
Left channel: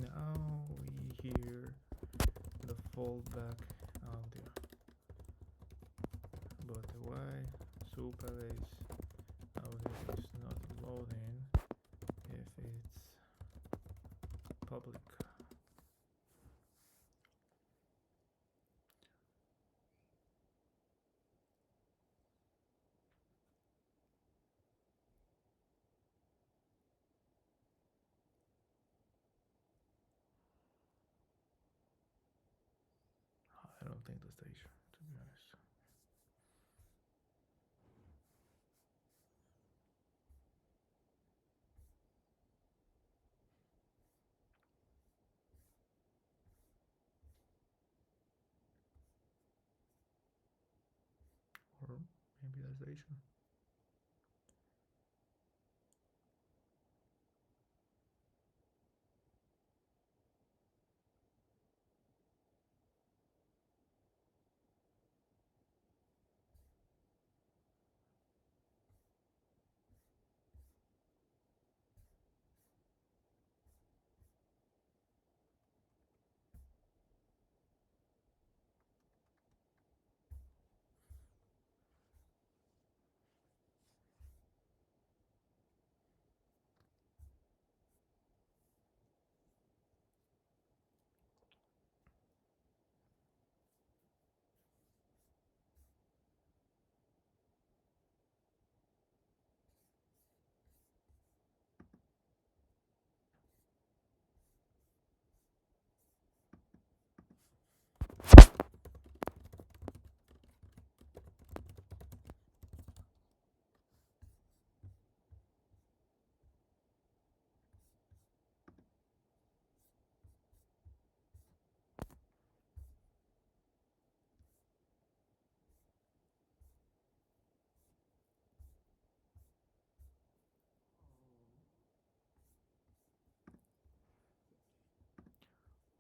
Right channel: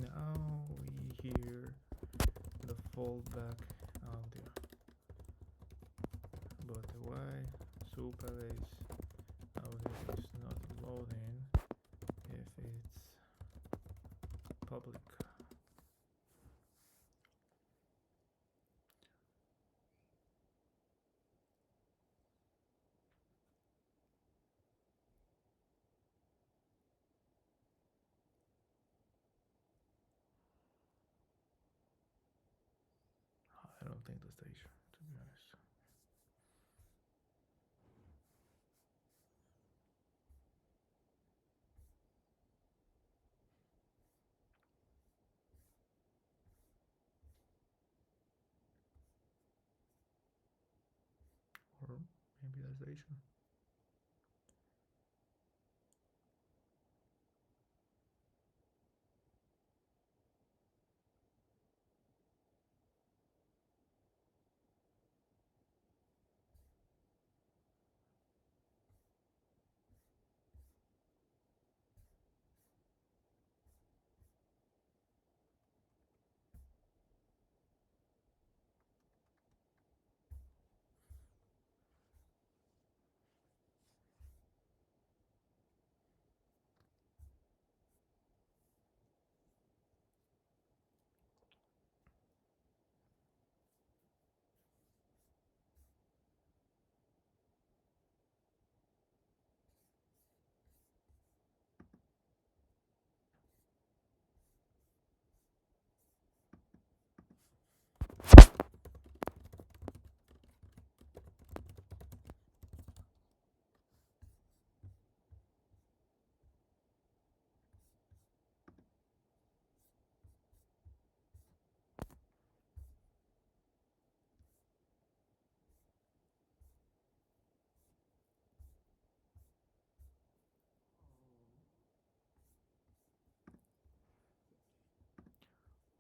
now we hear the fallback audio. But why Superbay's audio is not loading if it's public? I don't think that's the issue, to be honest. maybe that's the issue.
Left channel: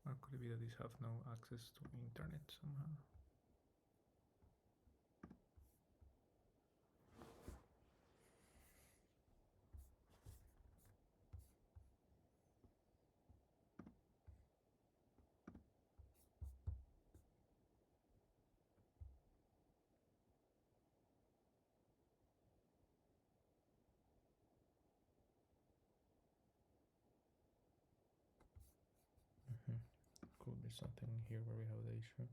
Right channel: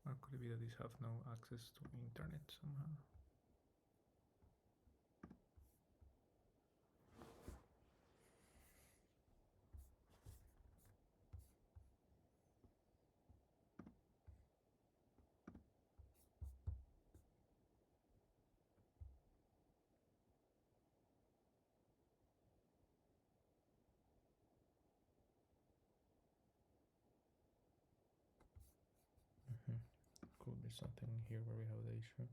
Or could it be that these have no access to internet somehow? Could be something here where we have the issue.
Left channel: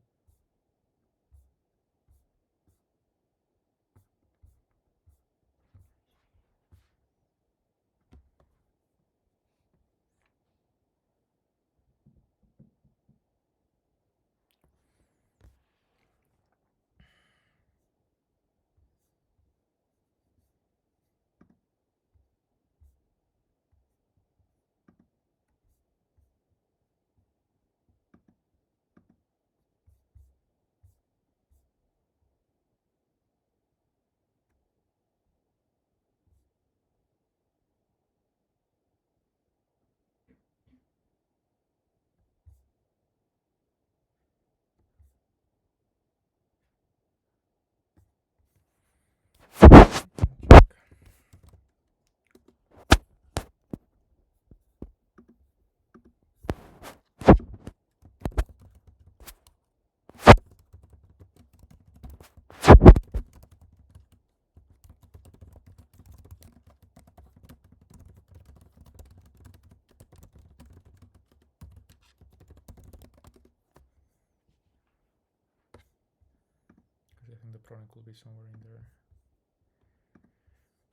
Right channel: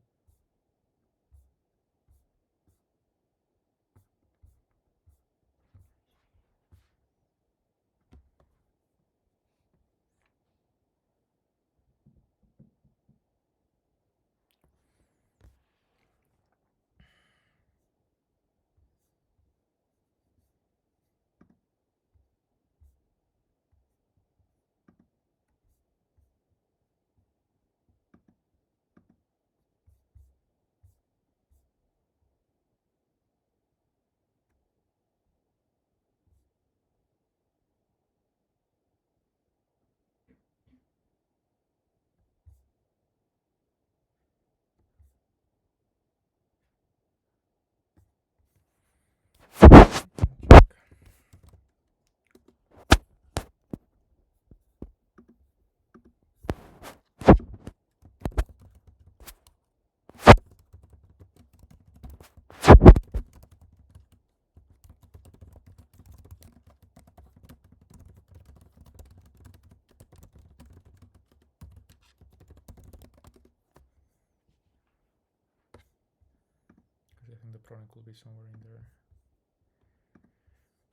I think the problem could be somewhere in there.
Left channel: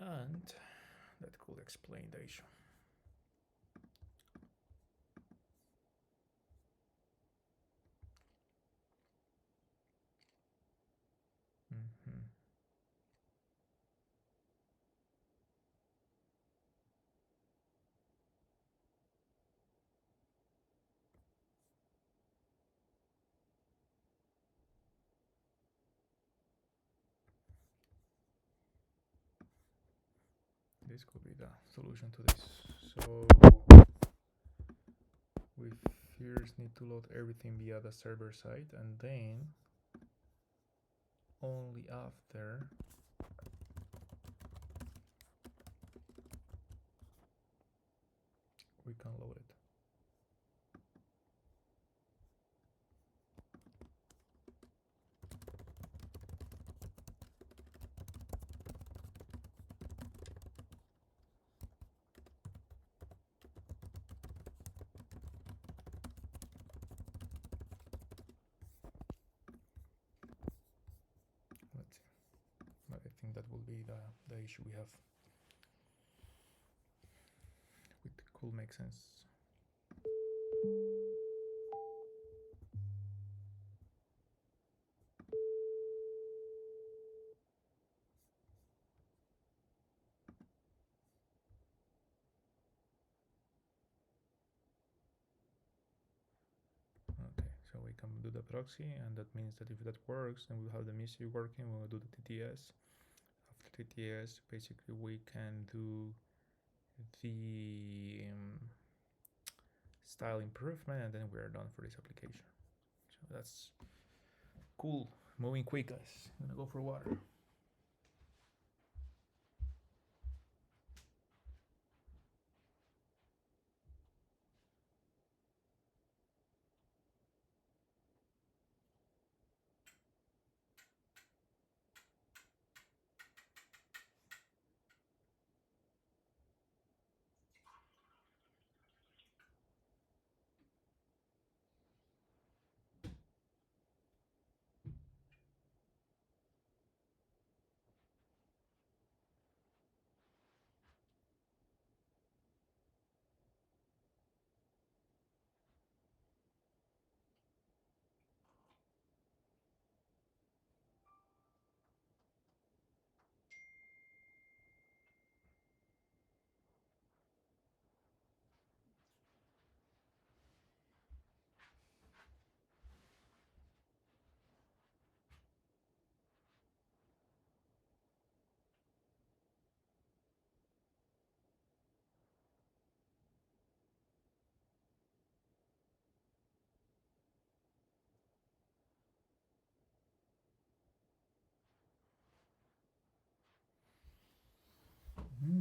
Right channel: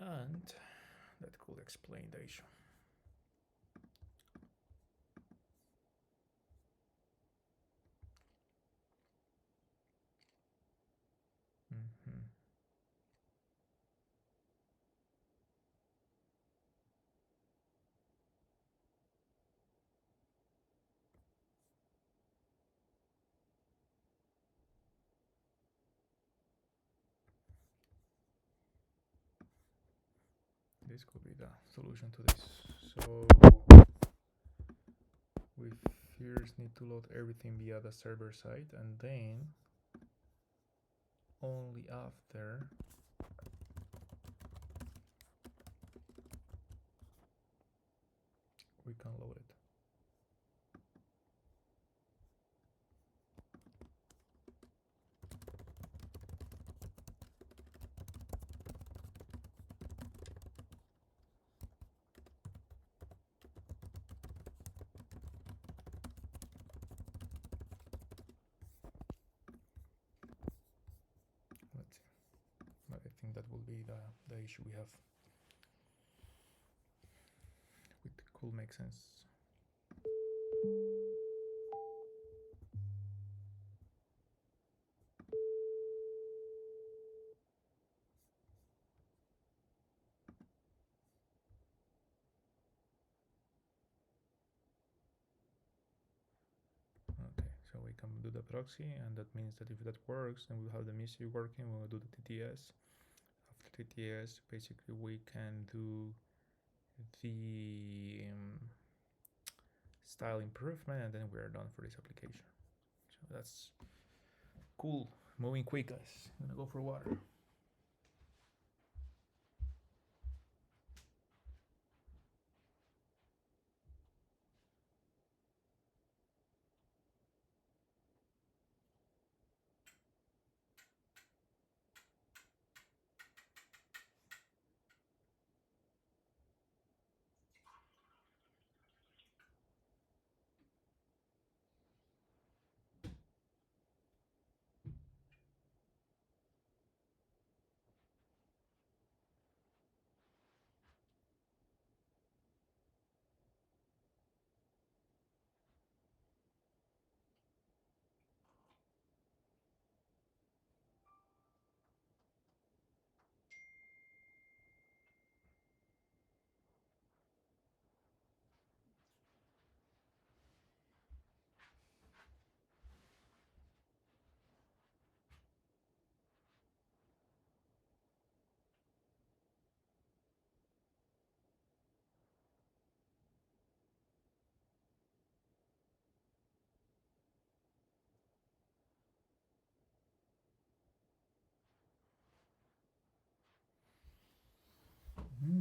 And that could explain the issue. This could be the solution to this. So we first need to load everything via the server side, and then only after we can load it. Let's see. But I think that will be the issue we have. It could make sense. Okay, so we can do the proxy, and that means that if that works, then we'll have the music working. We'll do the tts, ttiest, basically we can do the style improvement, and then we're done for this application. So that's cool. Moving quick, guys. I'm gonna go for water.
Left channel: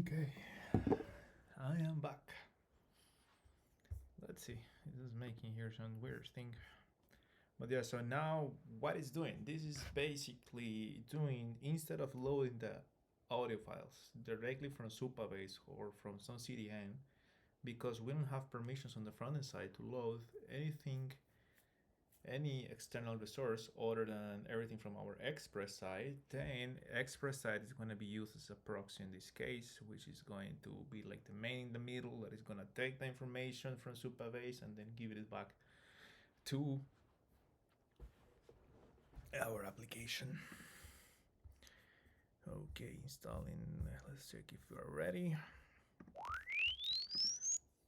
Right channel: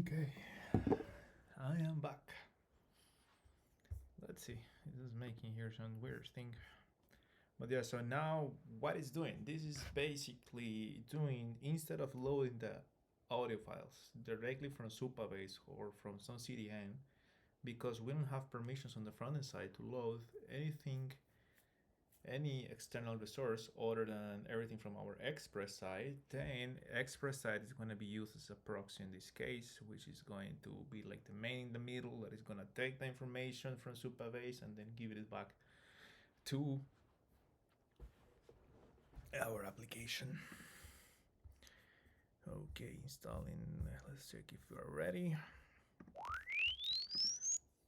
Okay, I am back. Let's see, this is making here some weird thing. But yeah, so now what it's doing, this is basically doing, instead of loading the audio files directly from Supabase or from some CDN, because we don't have permissions on the front end side to load anything, any external resource other than everything from our Express side, then Express side is going to be used as a proxy in this case, which is going to be like the main in the middle that is going to take the information from Supabase and then give it back to our application. Okay, installing. Let's check if we're ready.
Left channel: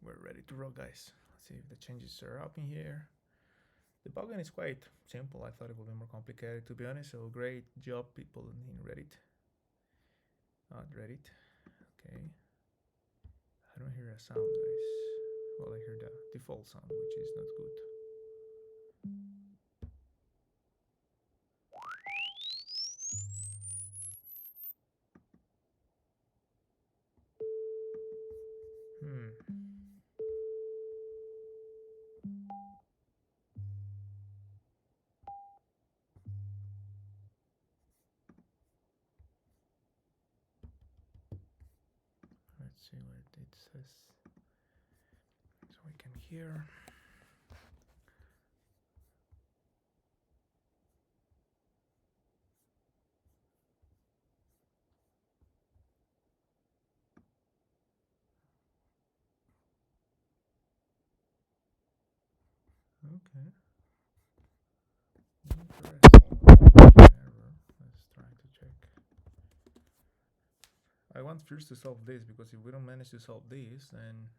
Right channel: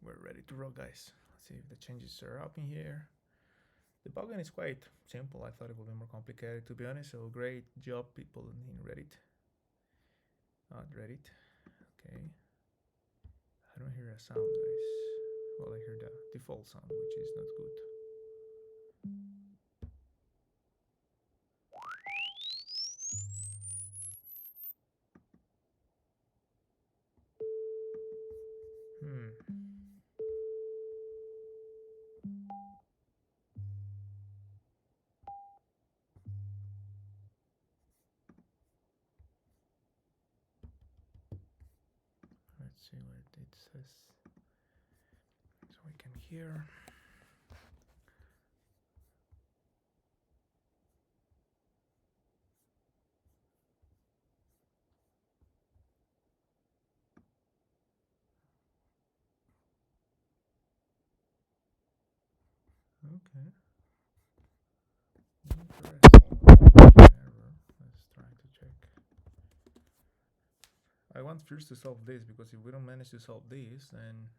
We're ready to roll, guys. Let's see if the changes are up in here. The plugin is quite simple. I thought it would be more complicated, to be honest. So great job, people in Reddit. Reddit. Okay. I don't hear a sound, guys. Well, I hear the default sound, which is not good. Let's see what it says. So we can hear. Okay. Interesting. Error. Let's try to check. I want first to solve this, because if we don't manage to solve this, then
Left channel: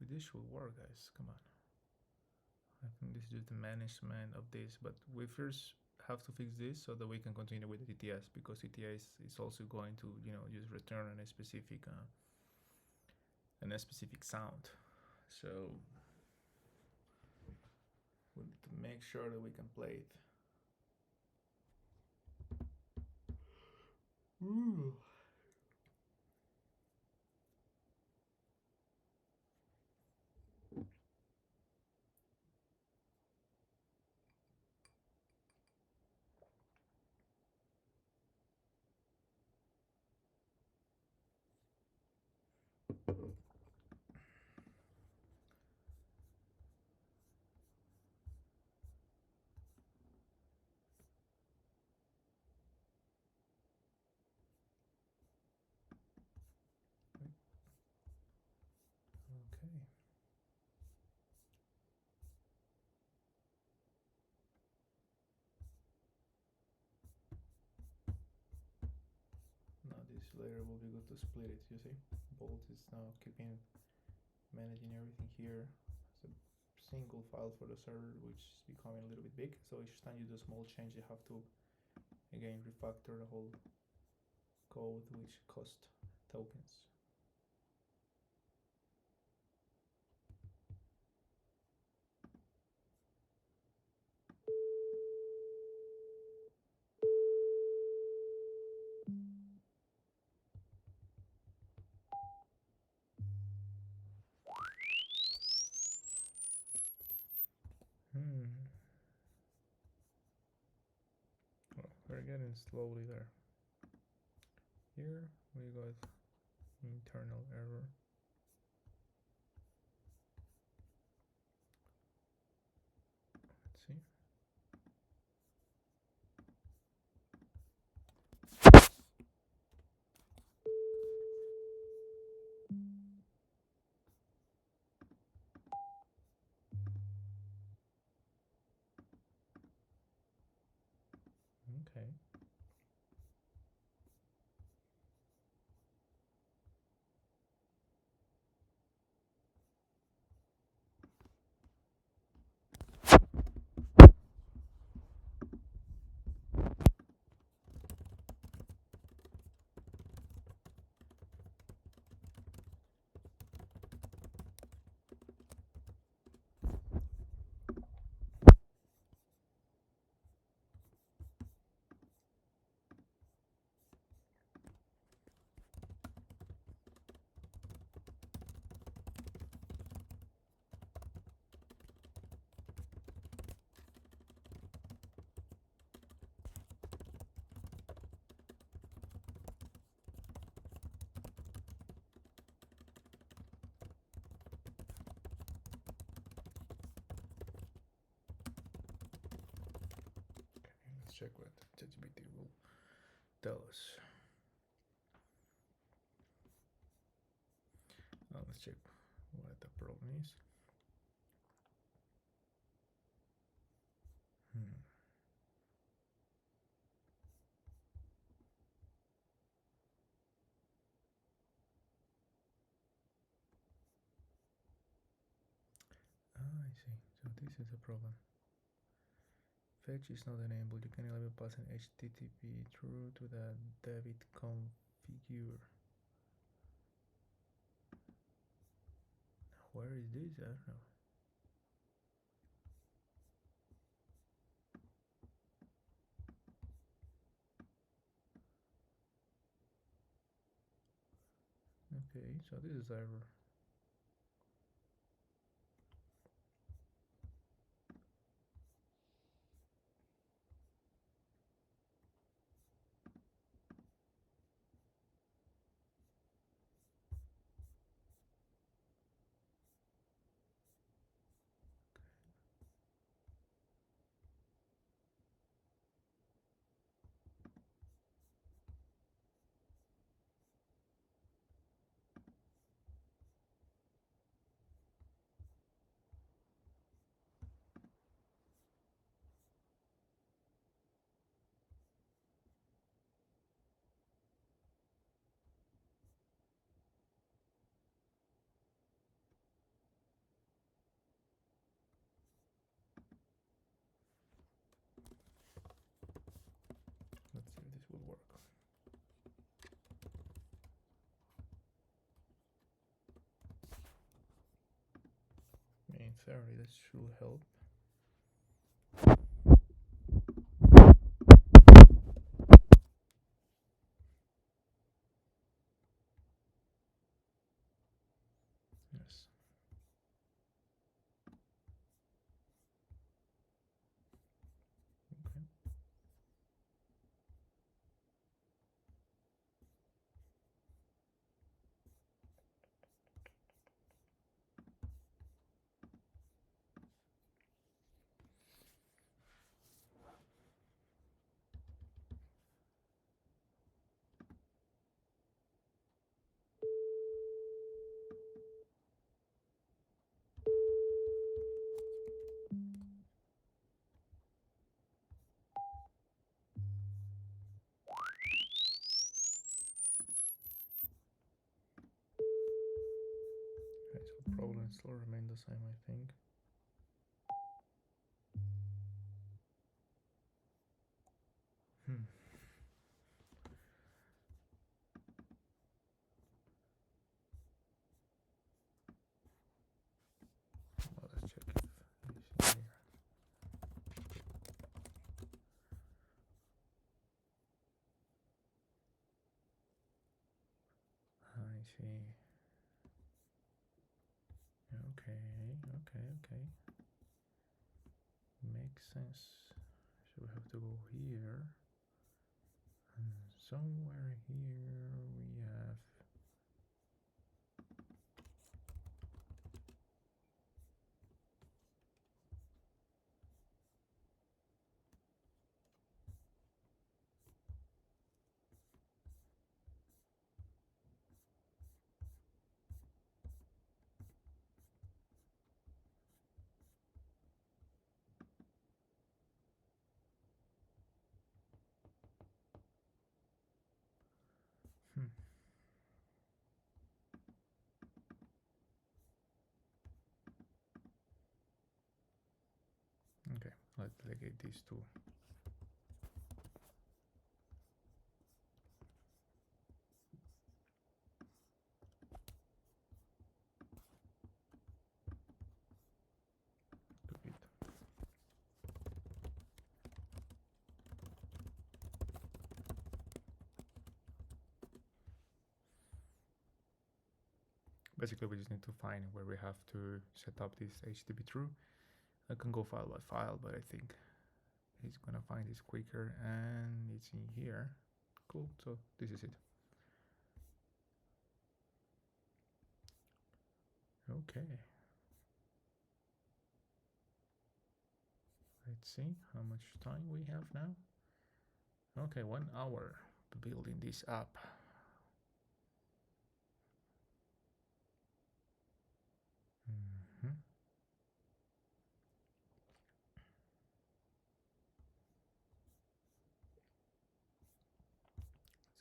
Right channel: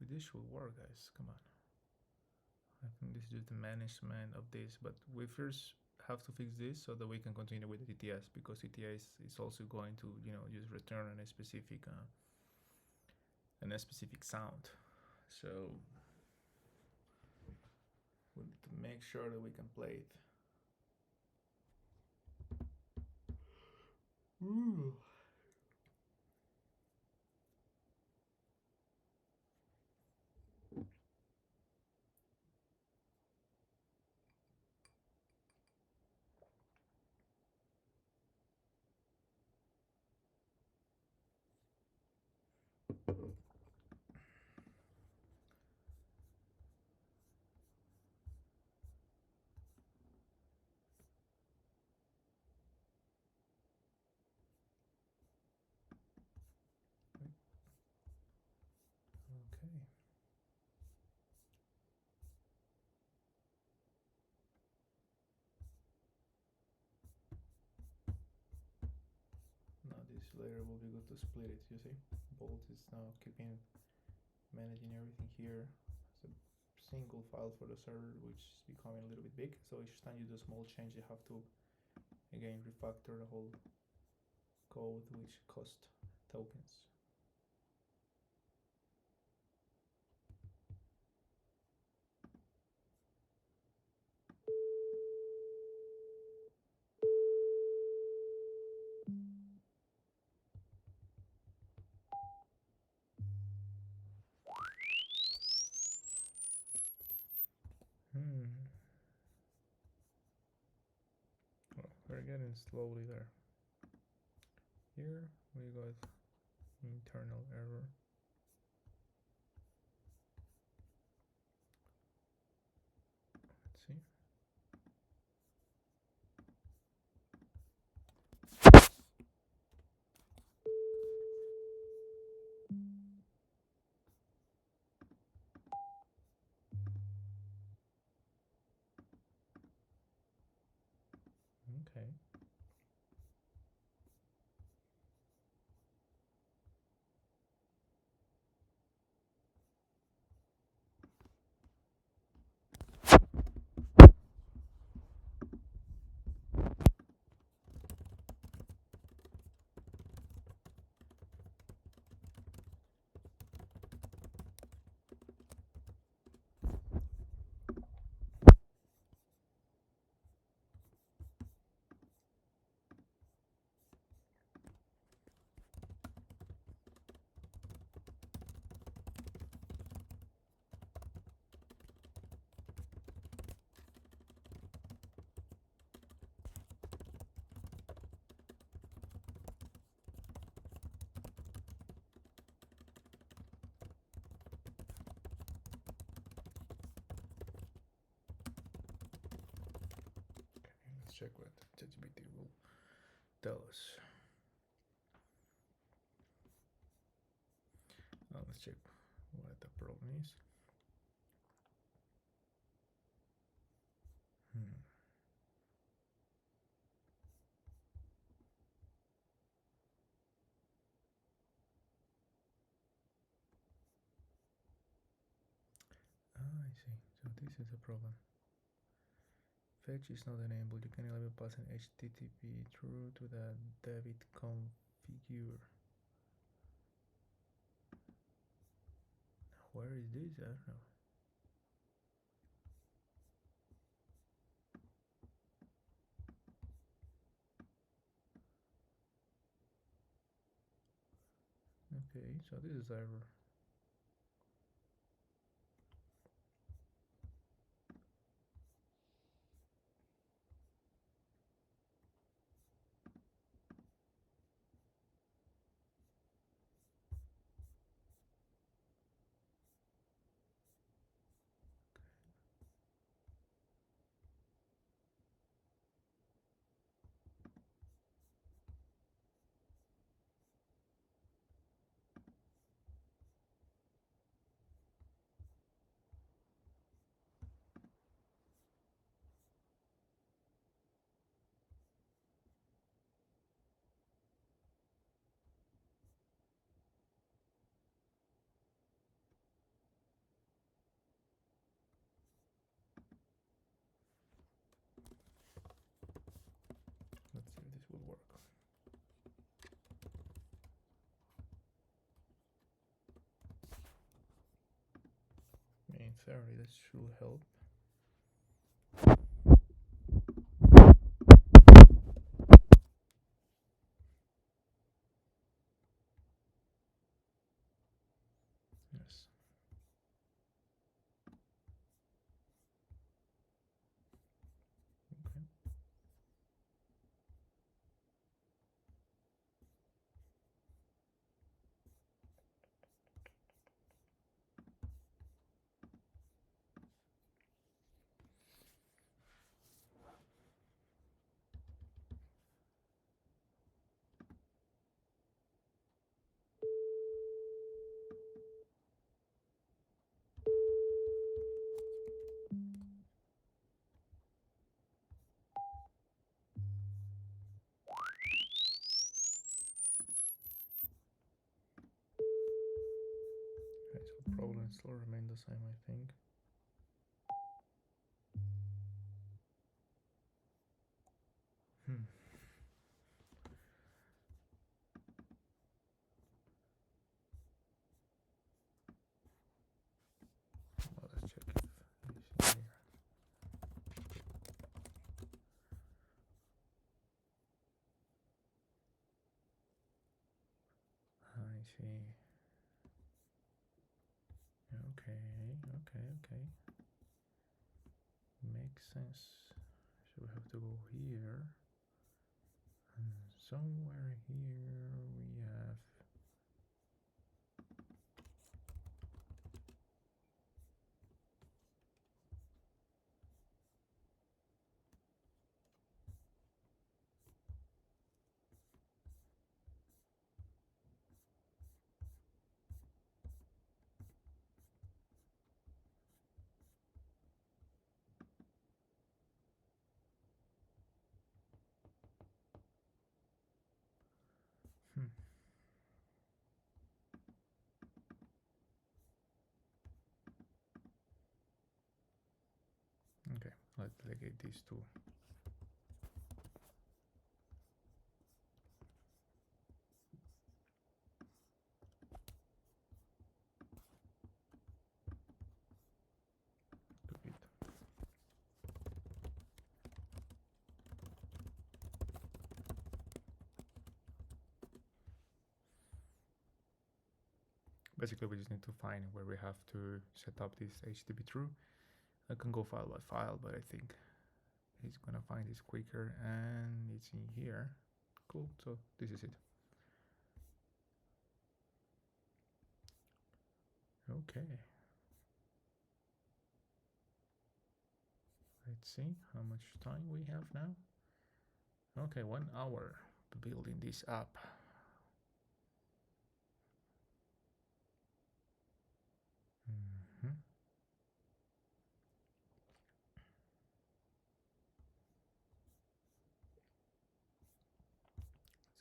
this should work, guys. Come on. I think this is just the management of this, but we first have to fix this so that we can continue with the ttiest, because ttiest is also going to, just return a specific sound. So we need to make sure that we can play it. Ooh. Okay. Now this later will be good to split it, you see? Bolt is now keeping managing everything here as a single file for the server, which is becoming a little bit big. So each time you do a small change, you have to again refactor the whole code, which cost tokens. Well, we're getting slowly there. Here we got internal error. Let's see. Okay. Let's check what ChatGPT will tell us. Let's check what the problem is. I see. So this is a problem. Fetch is not enabled. You can enable pass an HTTP through to the David configure. Where is this? I don't know. Okay, so this is error. Let's see if this will work. In theory, this should help. Yes. Okay. Okay, so problem still remain the same, I think. see. Okay. Makes sense. So we have to go here. And somewhere here we have okay, let's delegate these two. Basically, we just need to find where we have to set up this HTTP true. I can go file by file, but I think he's gonna find this quicker, and it's in here. Cool, so this is it. Okay. Let's see how much time we have now. Okay, 1 hour building this app.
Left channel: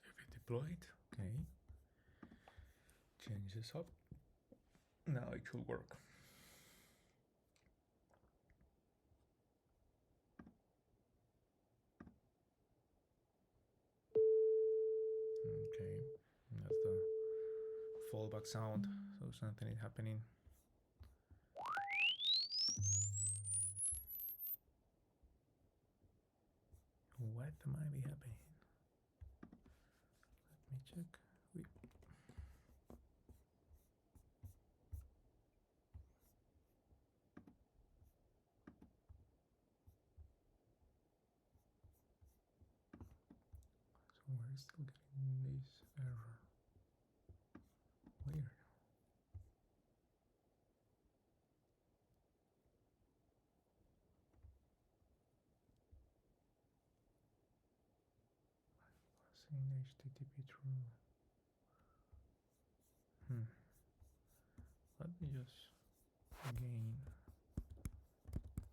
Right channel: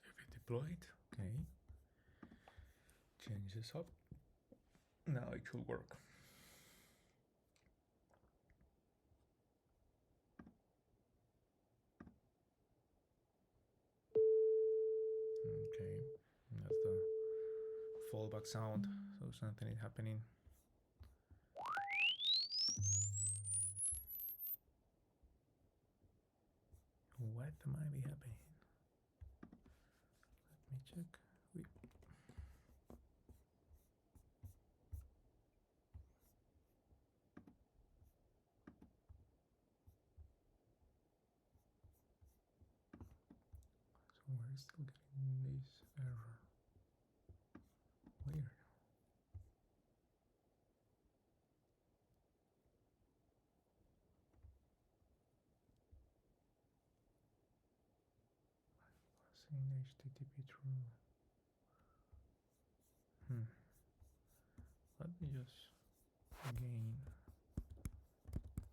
Save it deployed. Okay. Change this up. Now it should work. Okay, that's the fallback sound, so something is happening. What might be happening? Let me check. So we're still getting this error. Weird. Passing HTTP through. Let me just again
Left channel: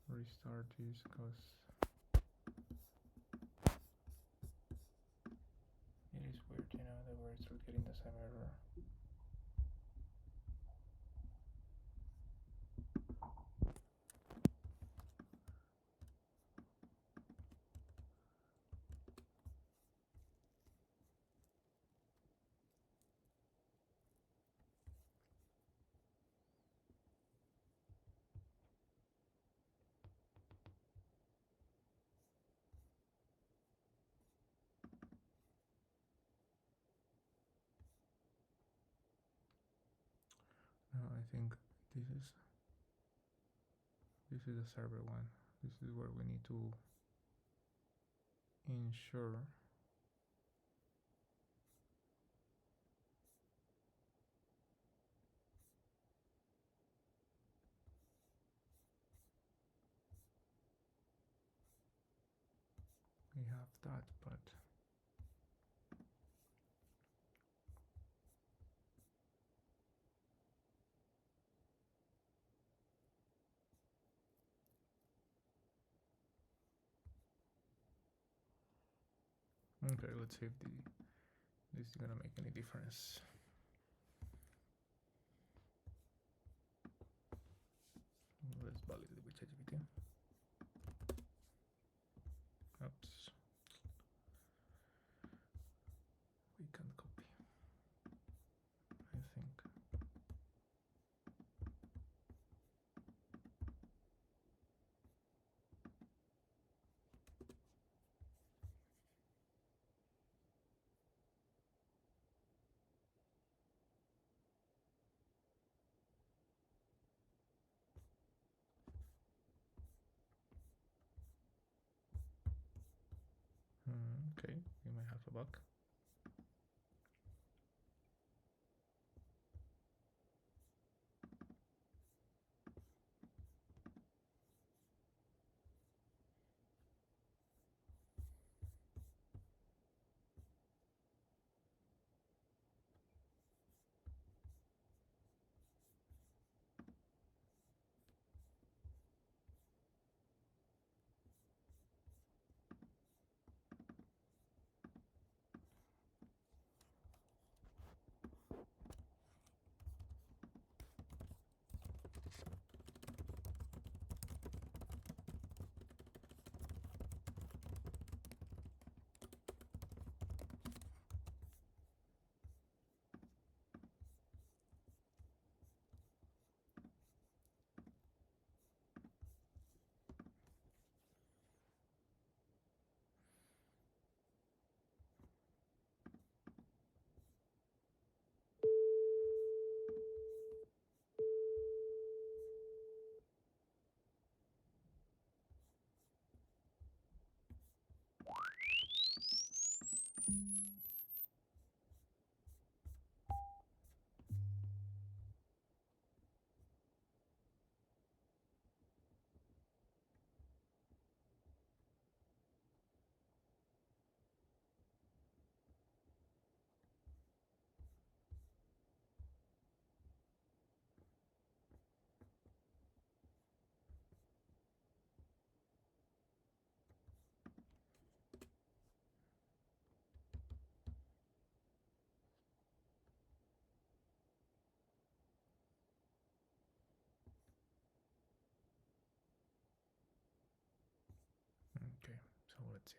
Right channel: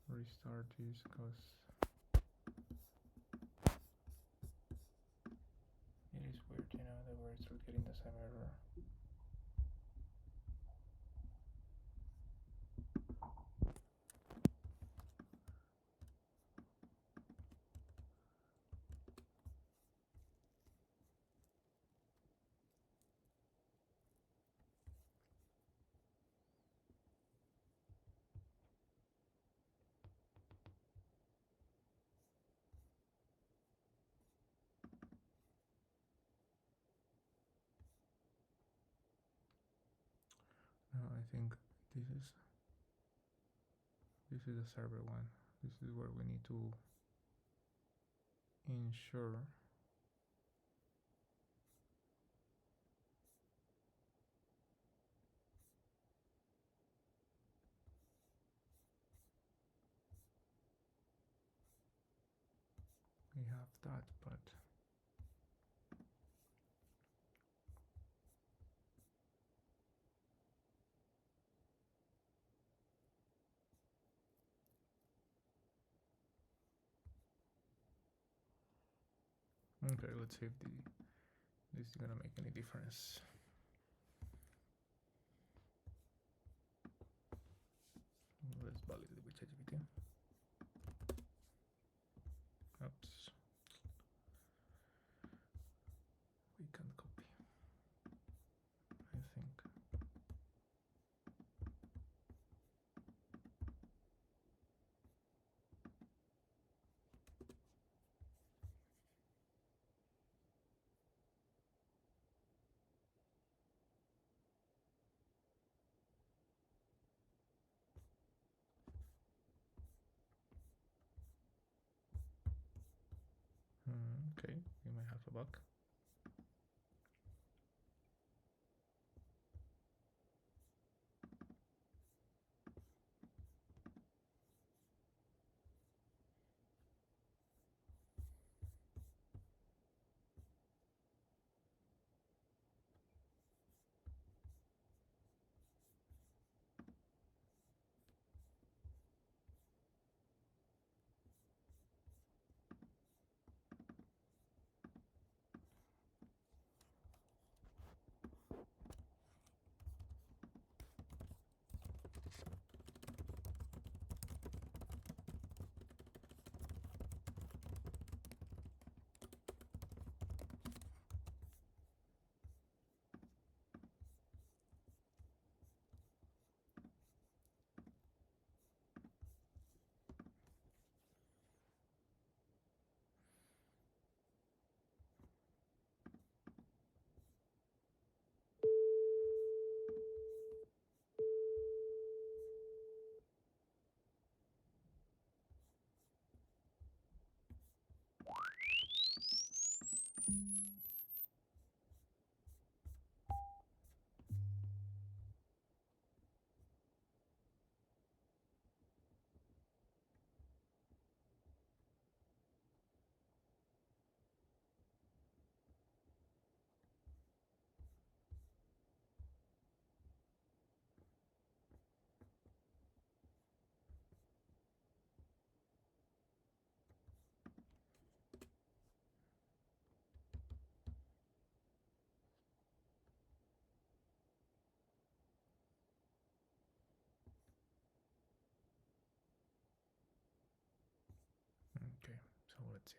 restart this because it is weird, you know, that we're still getting the same error. No, I think this is a server one. This is where we need to ensure we have that, but okay, let's see if this is gonna make any difference. Let's validate with ChatGPT. Oops. We can copy, I think. Okay, we might have a bug. Okay, so let's see.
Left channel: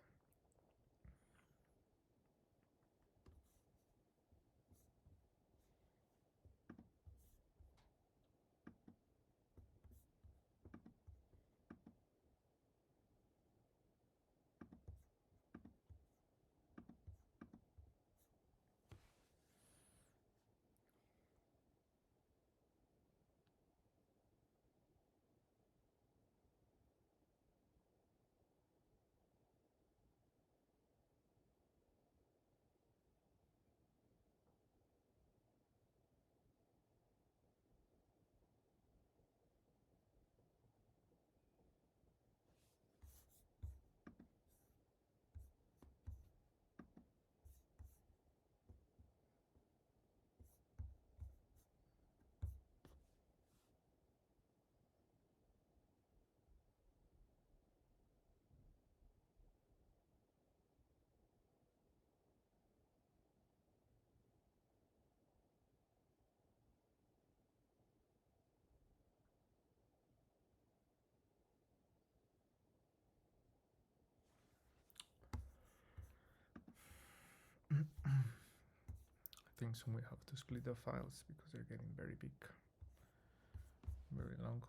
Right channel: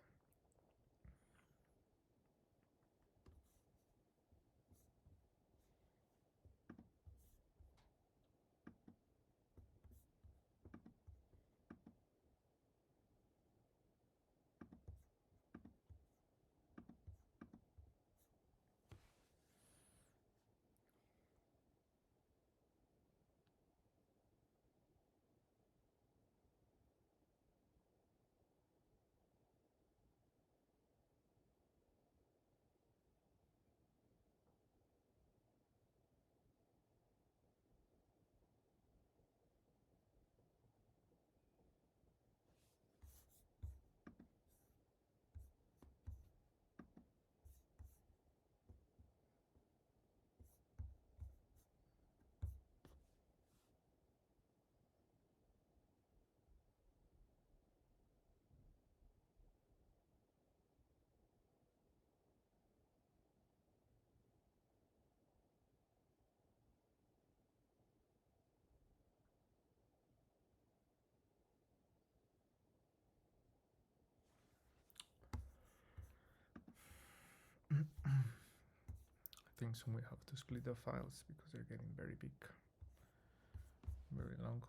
I think soon we have to split the files because they're getting very big, very long.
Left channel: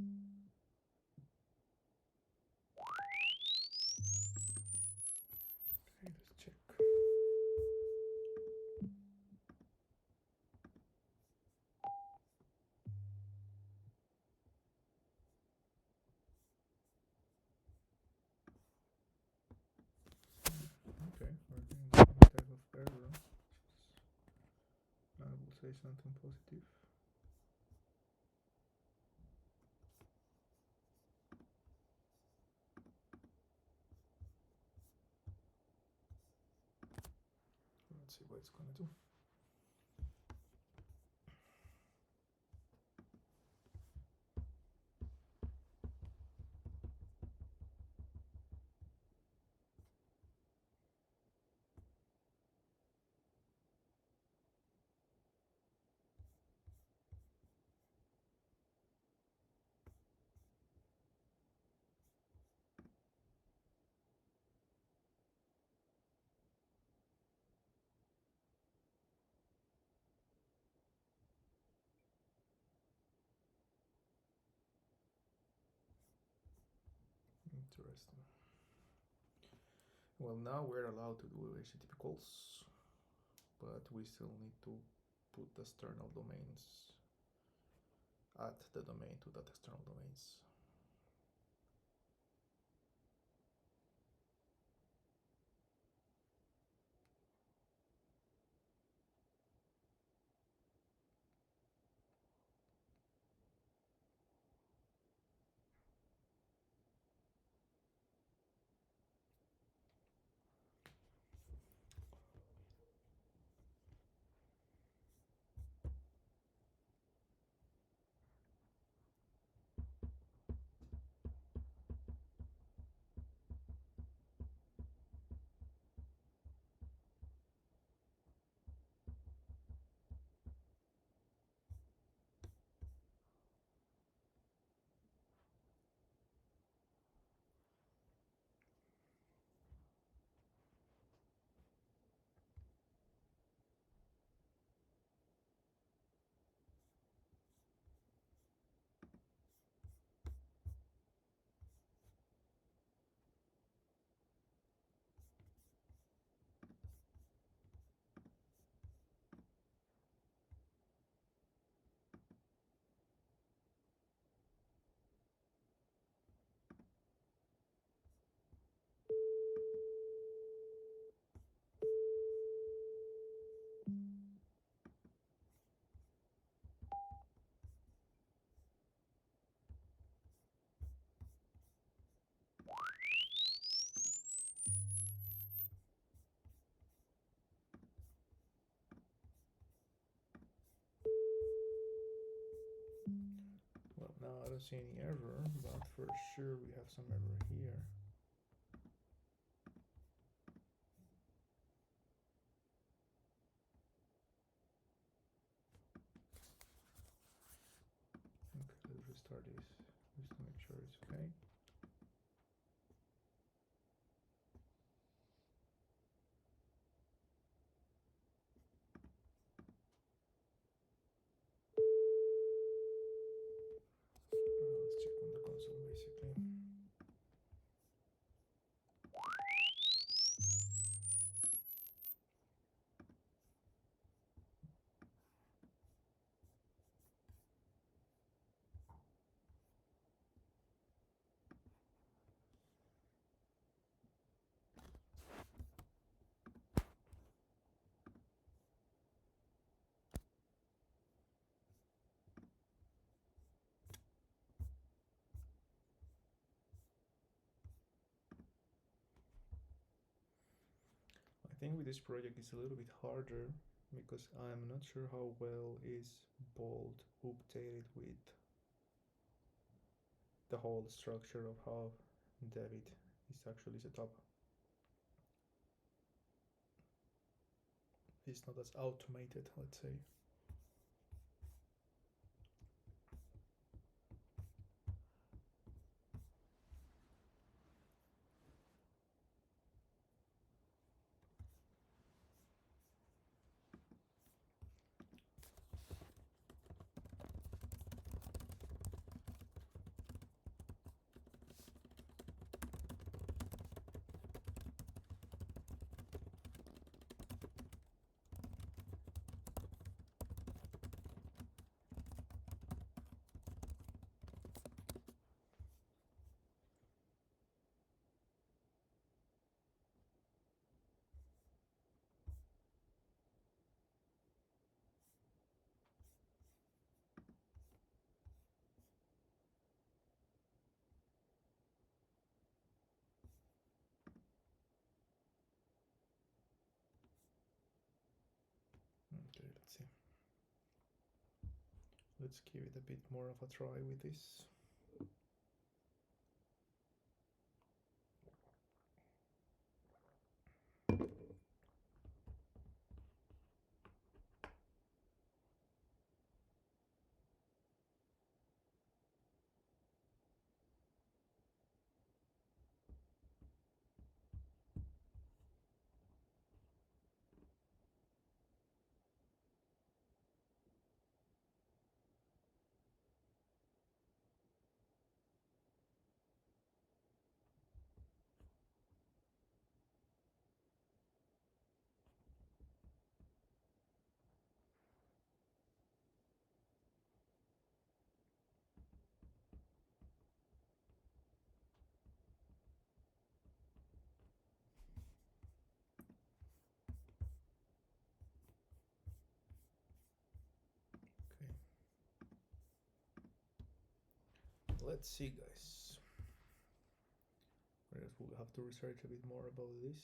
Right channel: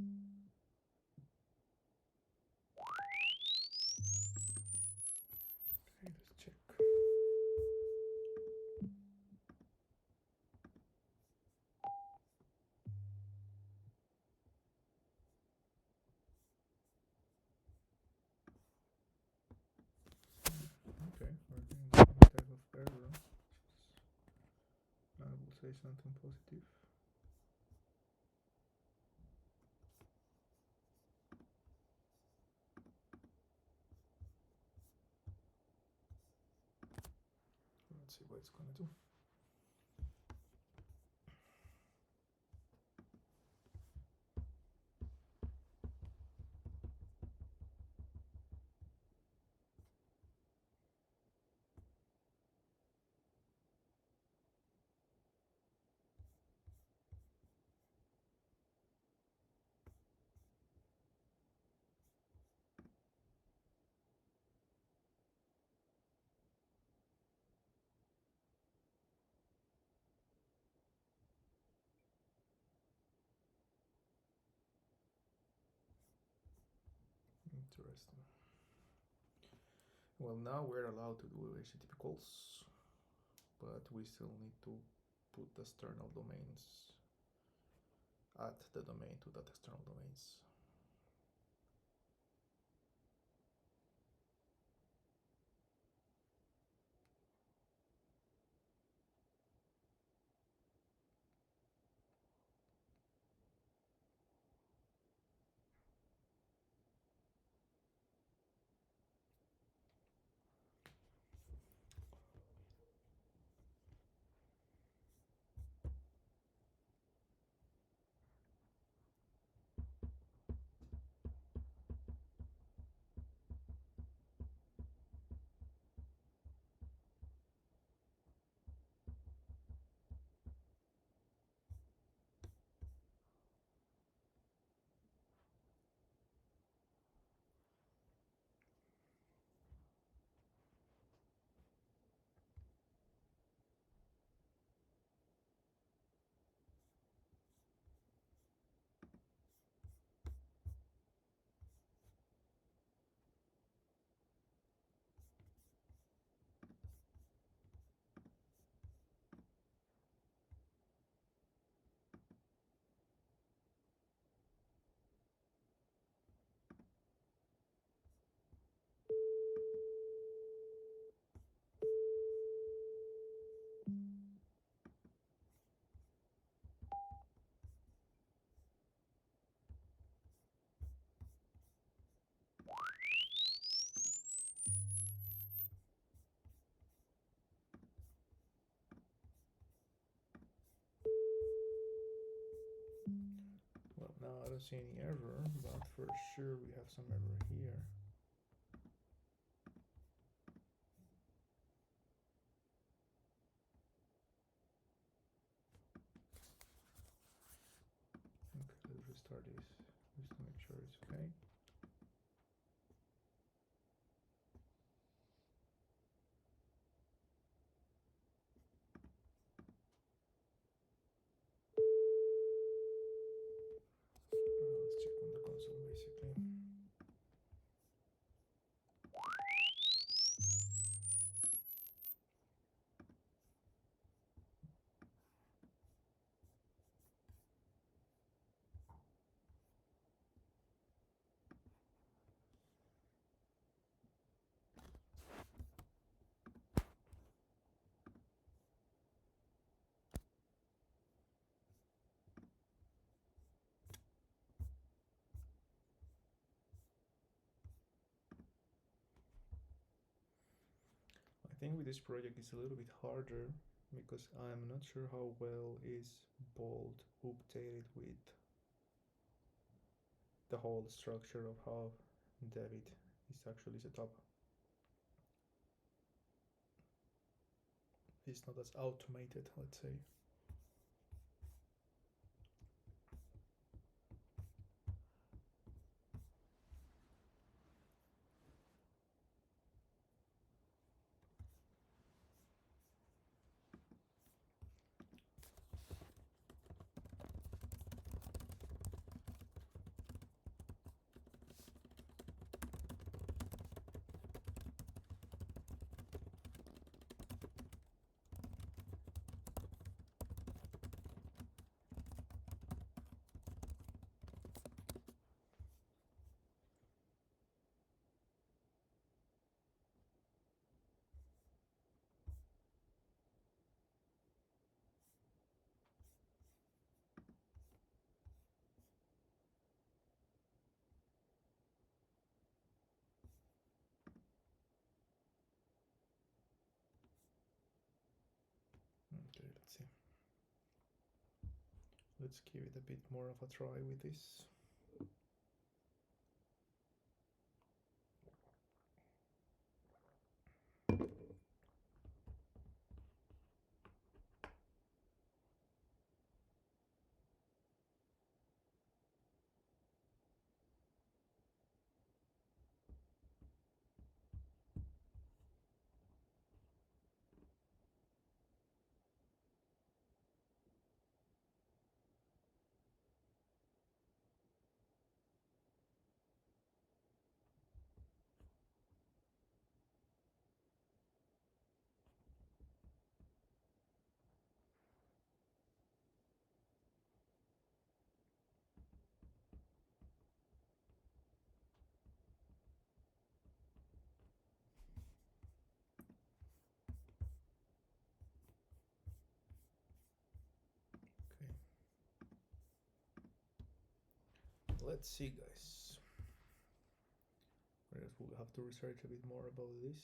Okay, let's check. Okay, we're getting some type of error. I will say something positive. see what it's gonna do. Interesting. Well, now we're allowed to do HTTP but we still need to put the external domains, add the domain to that external domains. Well, now I don't see any error, but for sure we have some error here. Okay, let's restart this just to make sure it's okay. Let's check on the console basically. I think with this project it's a little bit harder because I'm not sure how well is Bolt updated with the whole structure of how debit is actually set up. It's not as automated, let's say. Let's see. Let's give it a bit more of a try with this. Let's see, guys. I guess we'll have to research a bit more about this.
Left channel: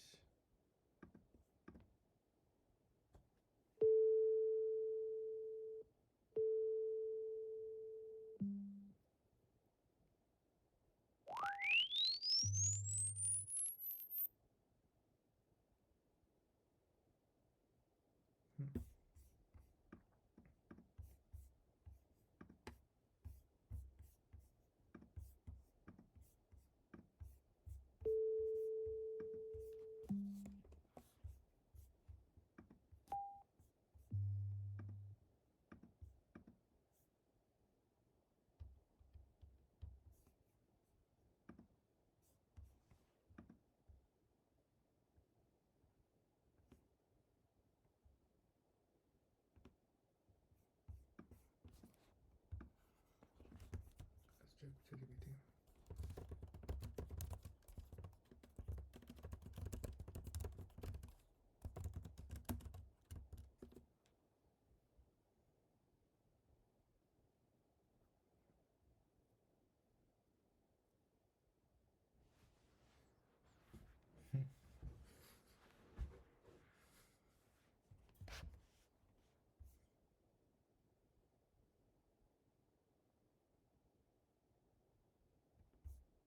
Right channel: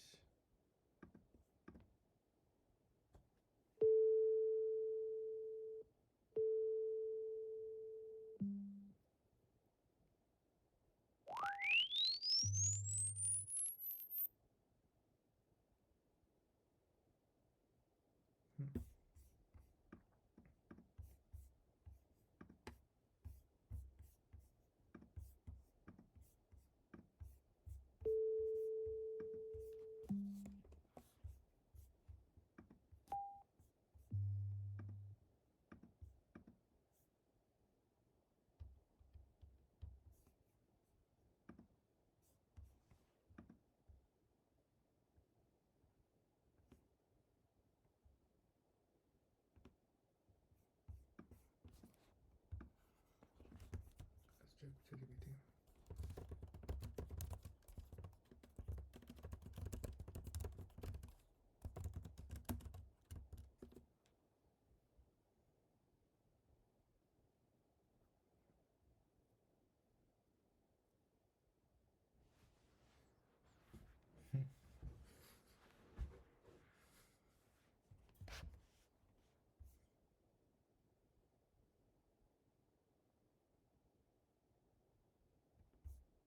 Let's check ChatGPT.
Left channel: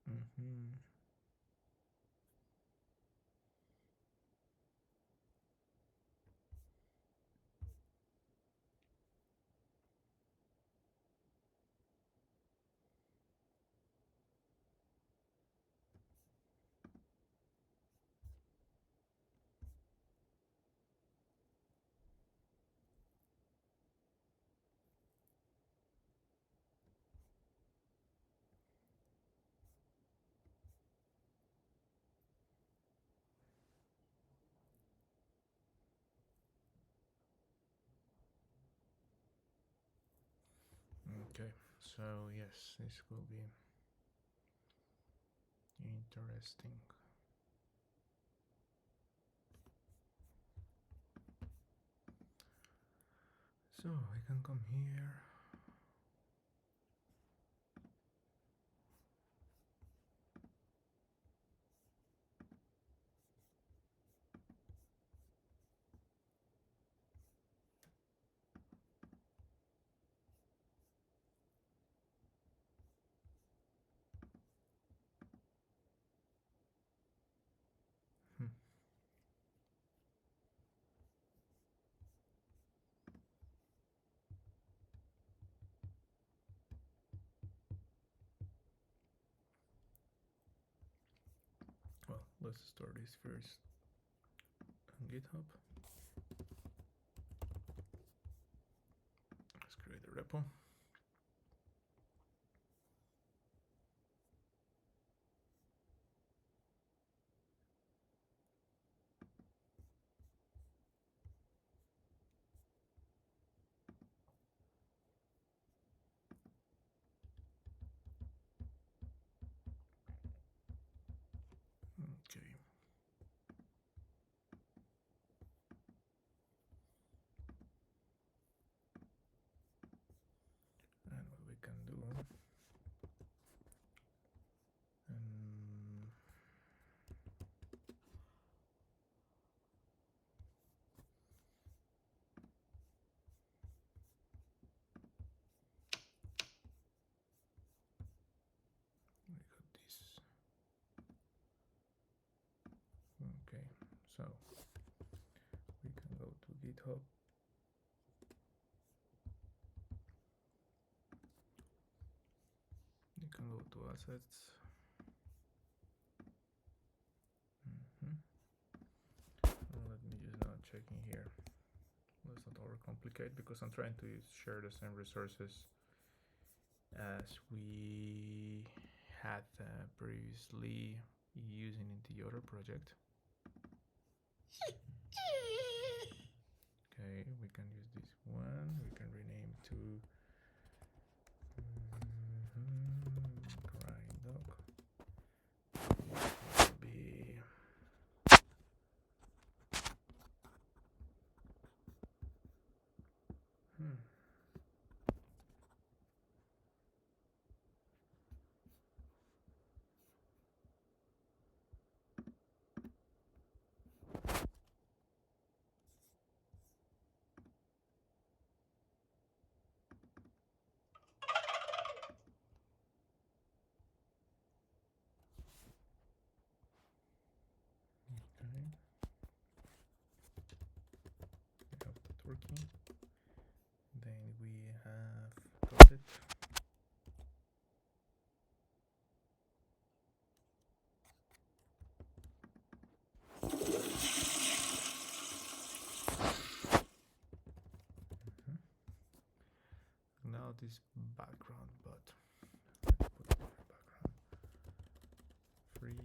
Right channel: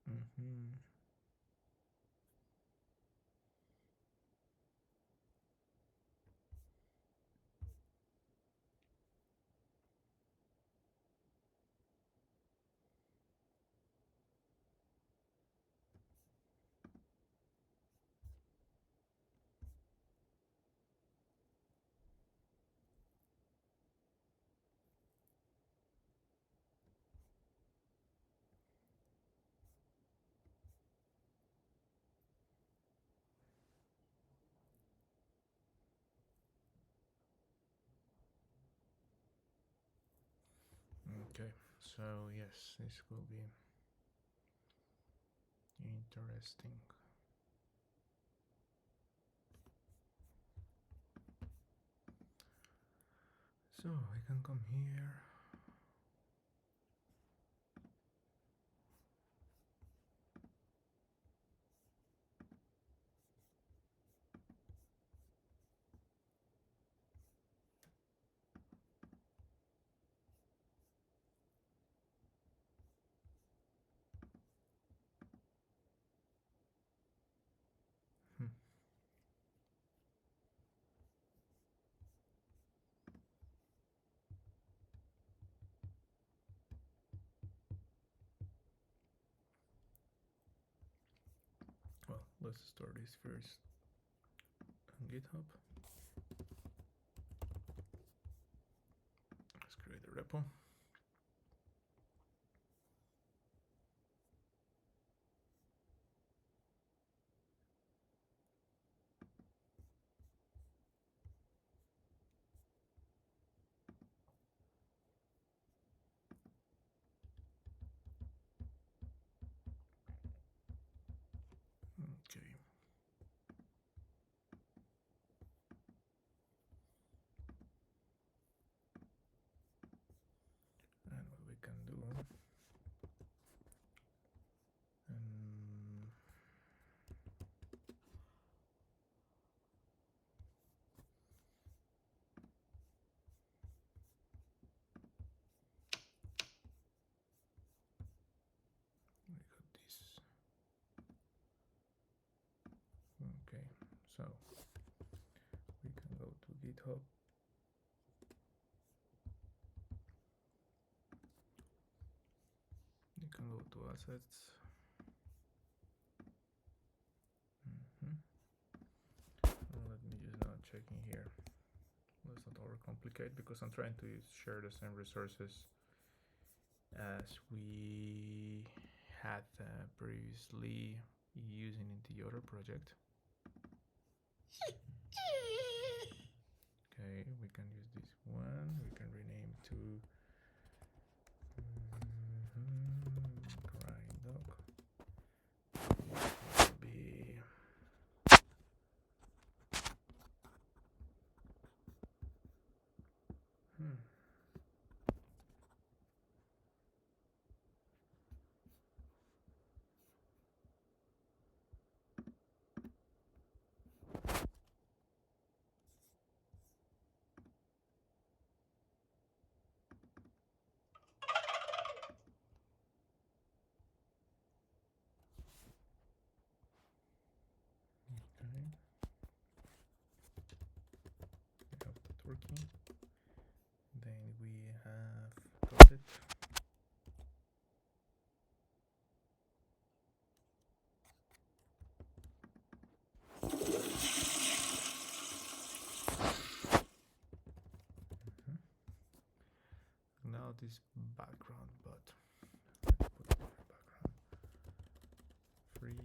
Mm-hmm. Okay, so yes, this will be interesting. So I can come here. Hmm. Well, let's start this first on GitHub. Let's create a repo. Okay. So we can go to GitHub. You can go to assets. Let me just not checking here. Let's not overcomplicate because I'm trying to share the same resources as we had previously using in the other project. Okay, we can use this one. We can rename to grind doc. This will be we have the turkey. Then we have got it. Now this background, but let's put a background. Free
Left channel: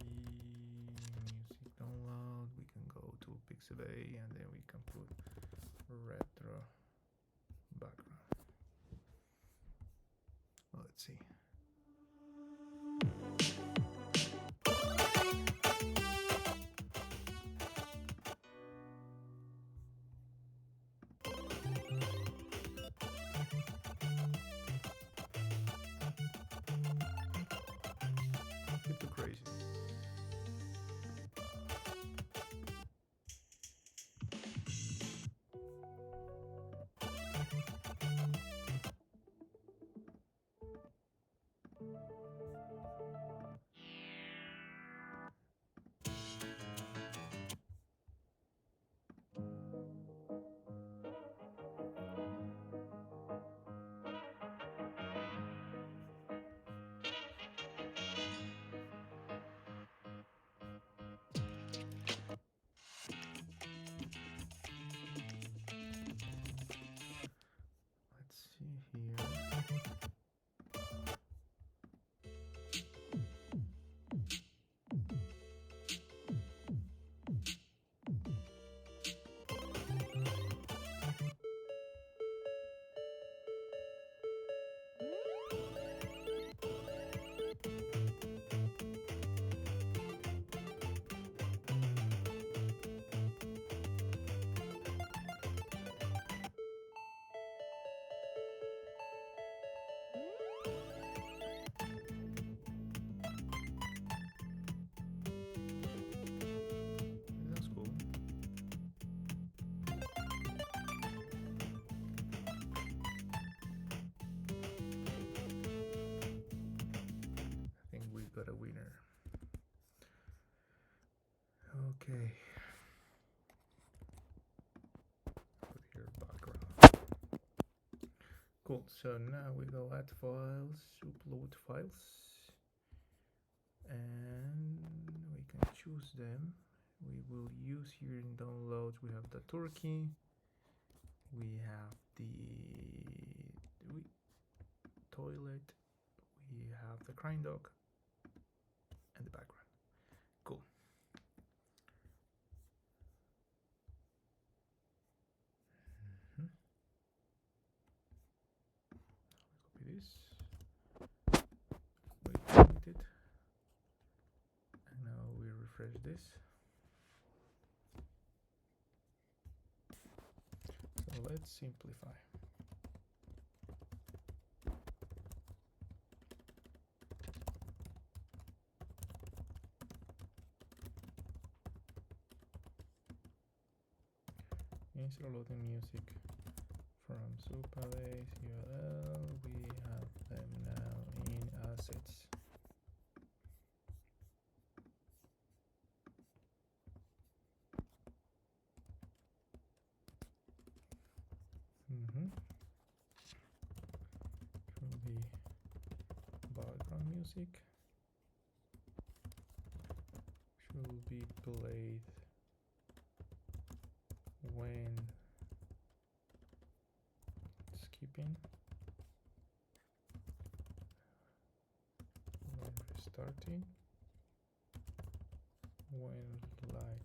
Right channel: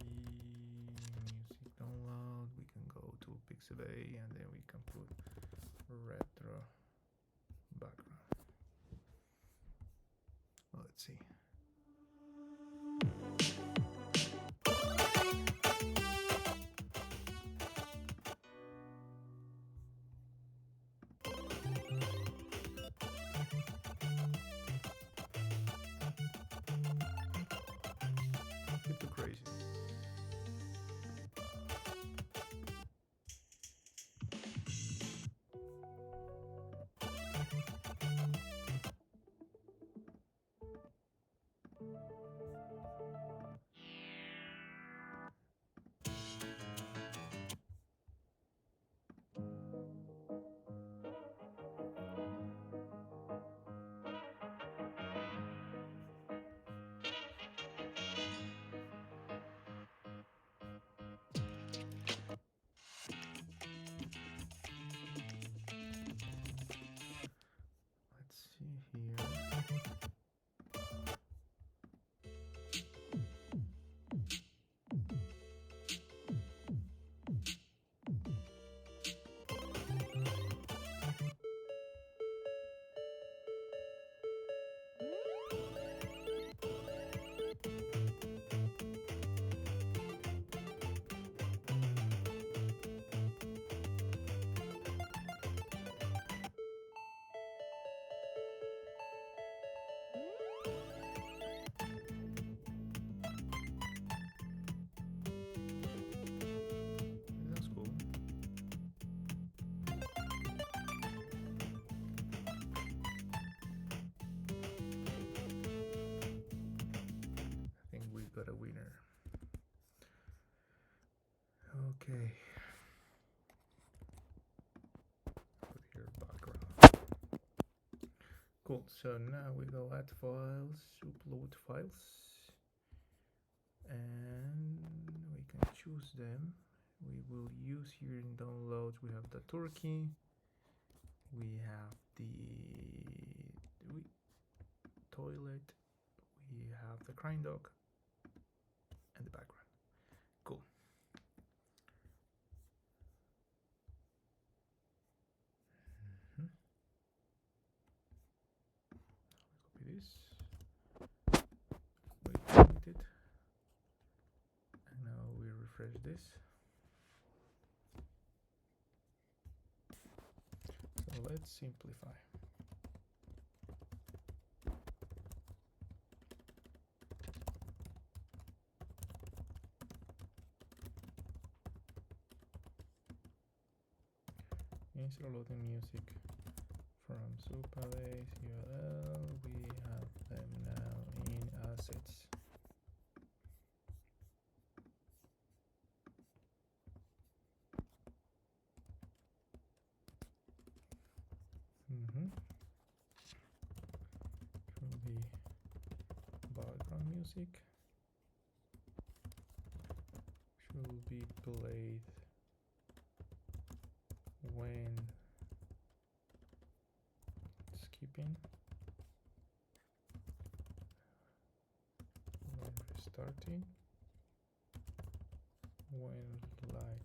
music download. We can go to Pixabay and then we can put retro background. Let's see. Bit too crazy. Let's see here. That's cool. I think we got a winner. Okay. Put here background. Cool. So now we go add files, upload files, and we can choose them. We will use here in downloads. We have the turkey. We have the toilet. We have the grind dog and the background. Cool. Copy this. We delete it. And now we refresh this. So let's simplify. Instead of loading music from Supabase URL, we have them now in assets. background music should be played when skipping, when restarting, when light,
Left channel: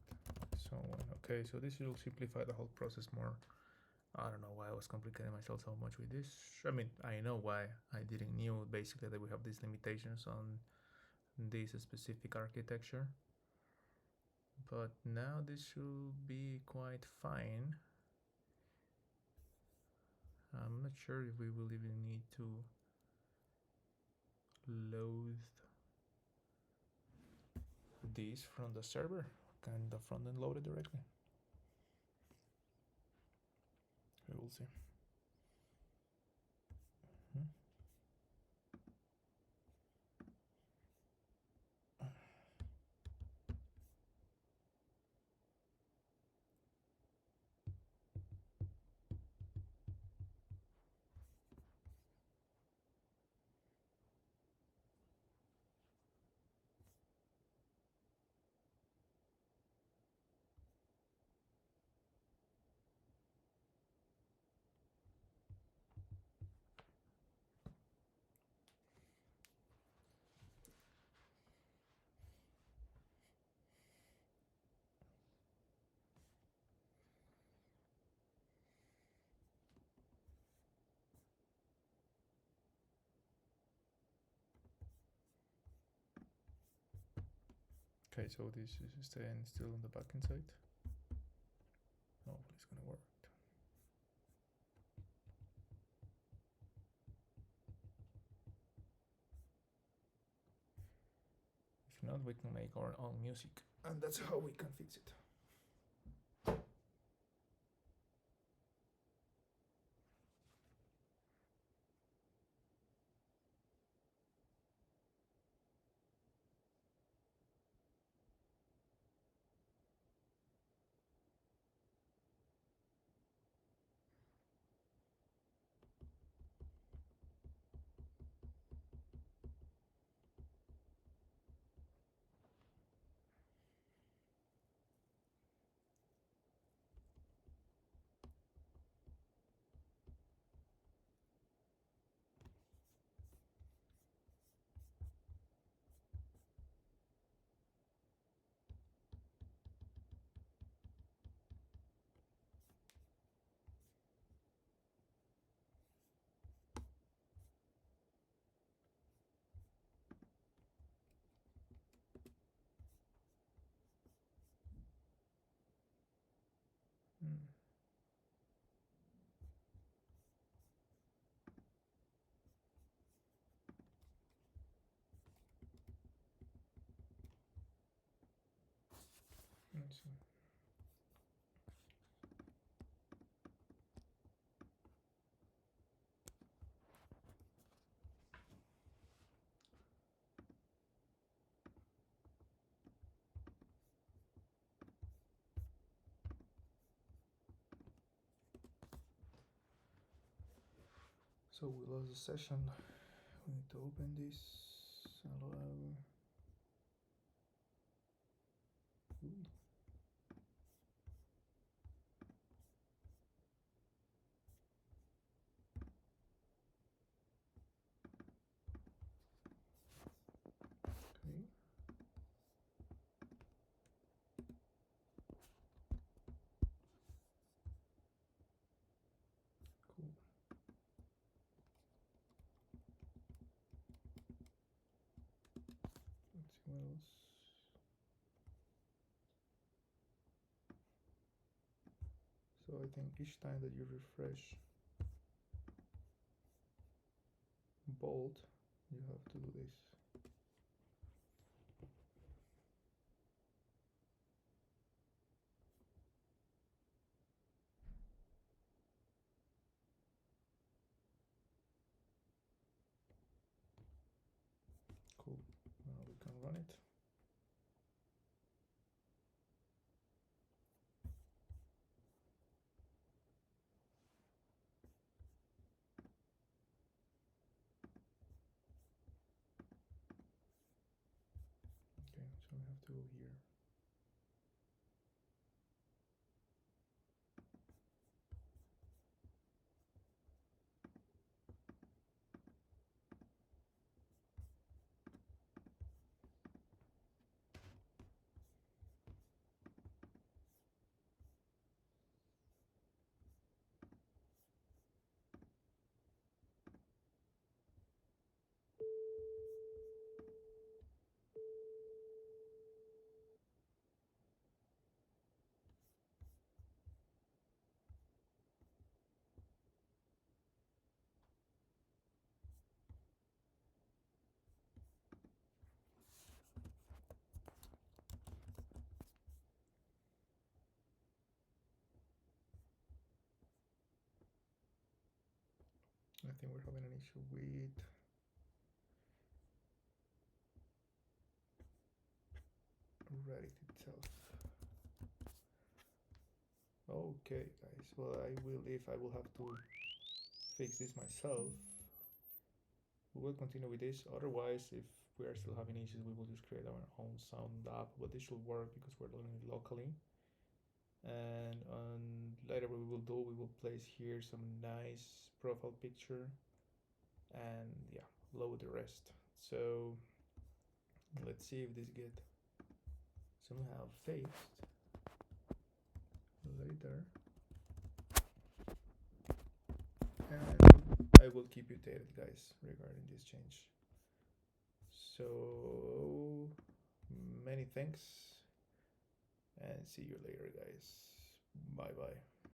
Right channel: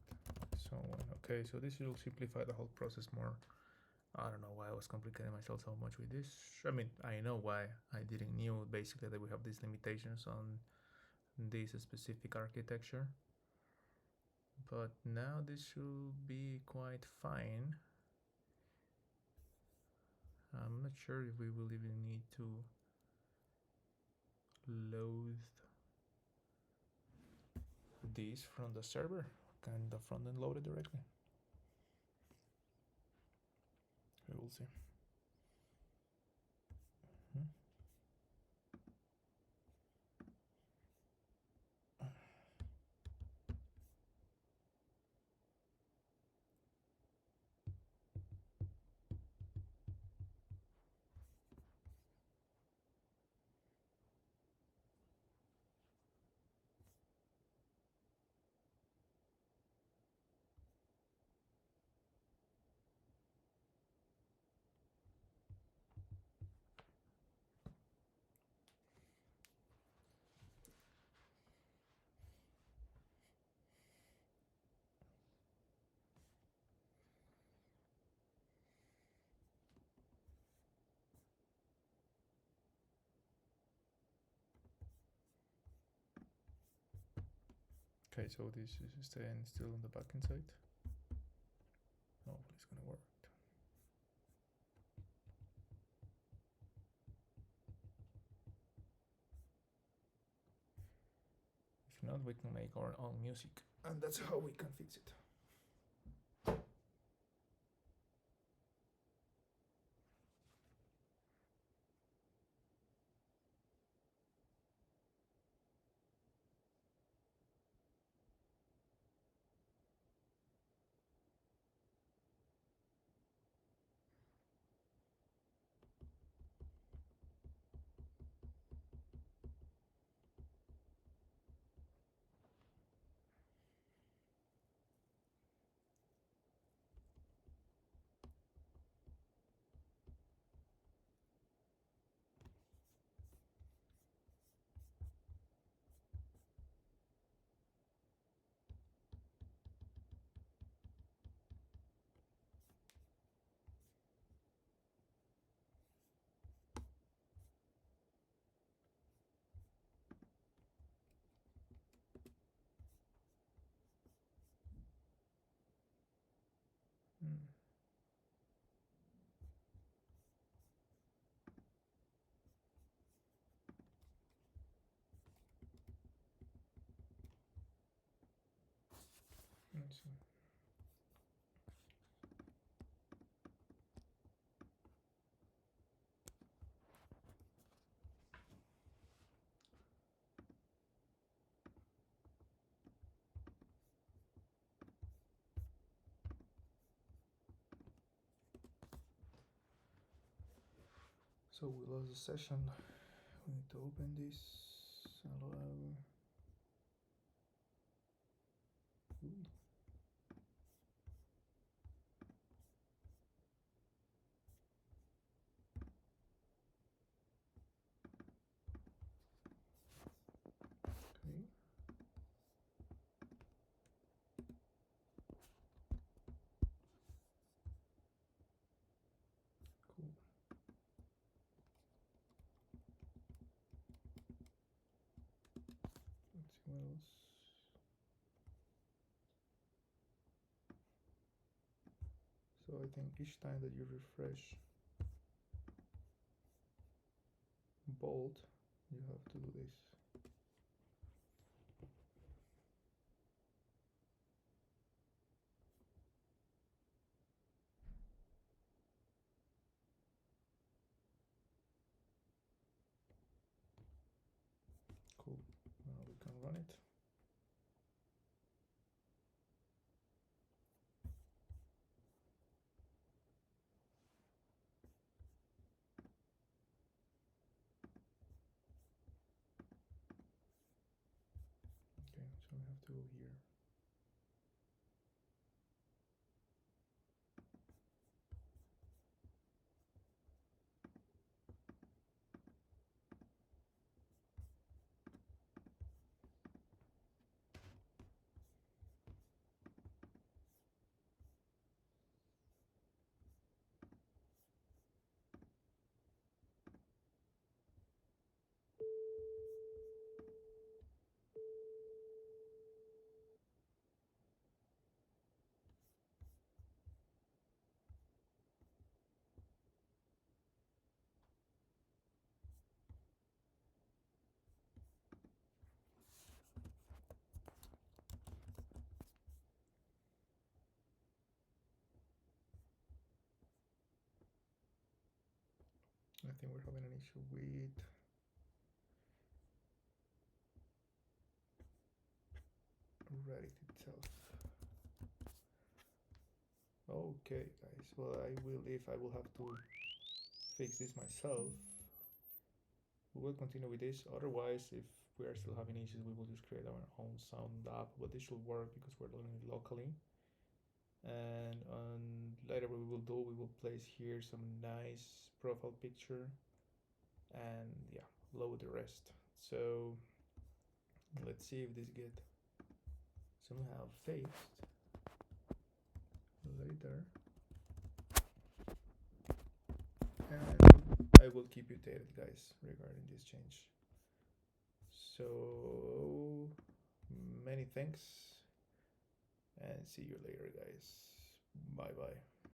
so on. Okay, so this will simplify the whole process more. I don't know why I was complicating myself so much with this. I mean, I know why. I didn't knew basically that we have these limitations on this specific architecture. But now this should be quite fine. I'm not sure if we will even need to load this from the server. Can the front end load it directly? We will see. Okay, so this is staying still on the backend side. Hopefully it's gonna work. If not, we can make our own music, and that's how we can fix it. Let's see. So we lost the session. We need to open this. Allow. Ooh. Okay. Cool. Let's see what else. So I think each time that you refresh bold, you have to do this. Cool. Now we can run it. we have to go here. I think we're having an issue with Reddit itself. Okay, guys. Well, if I will have to fix this myself. We will continue with this. Otherwise, if we are still having issues, we will just create our own sound app. But this should work because we're doing it locally. And later, what we will do, we will place here some nice profile picture, and yeah, load the rest. So let's see if this get somehow fixed later. And I will keep you updated, guys, regarding this change. So many thanks, and see you later, guys. Bye bye.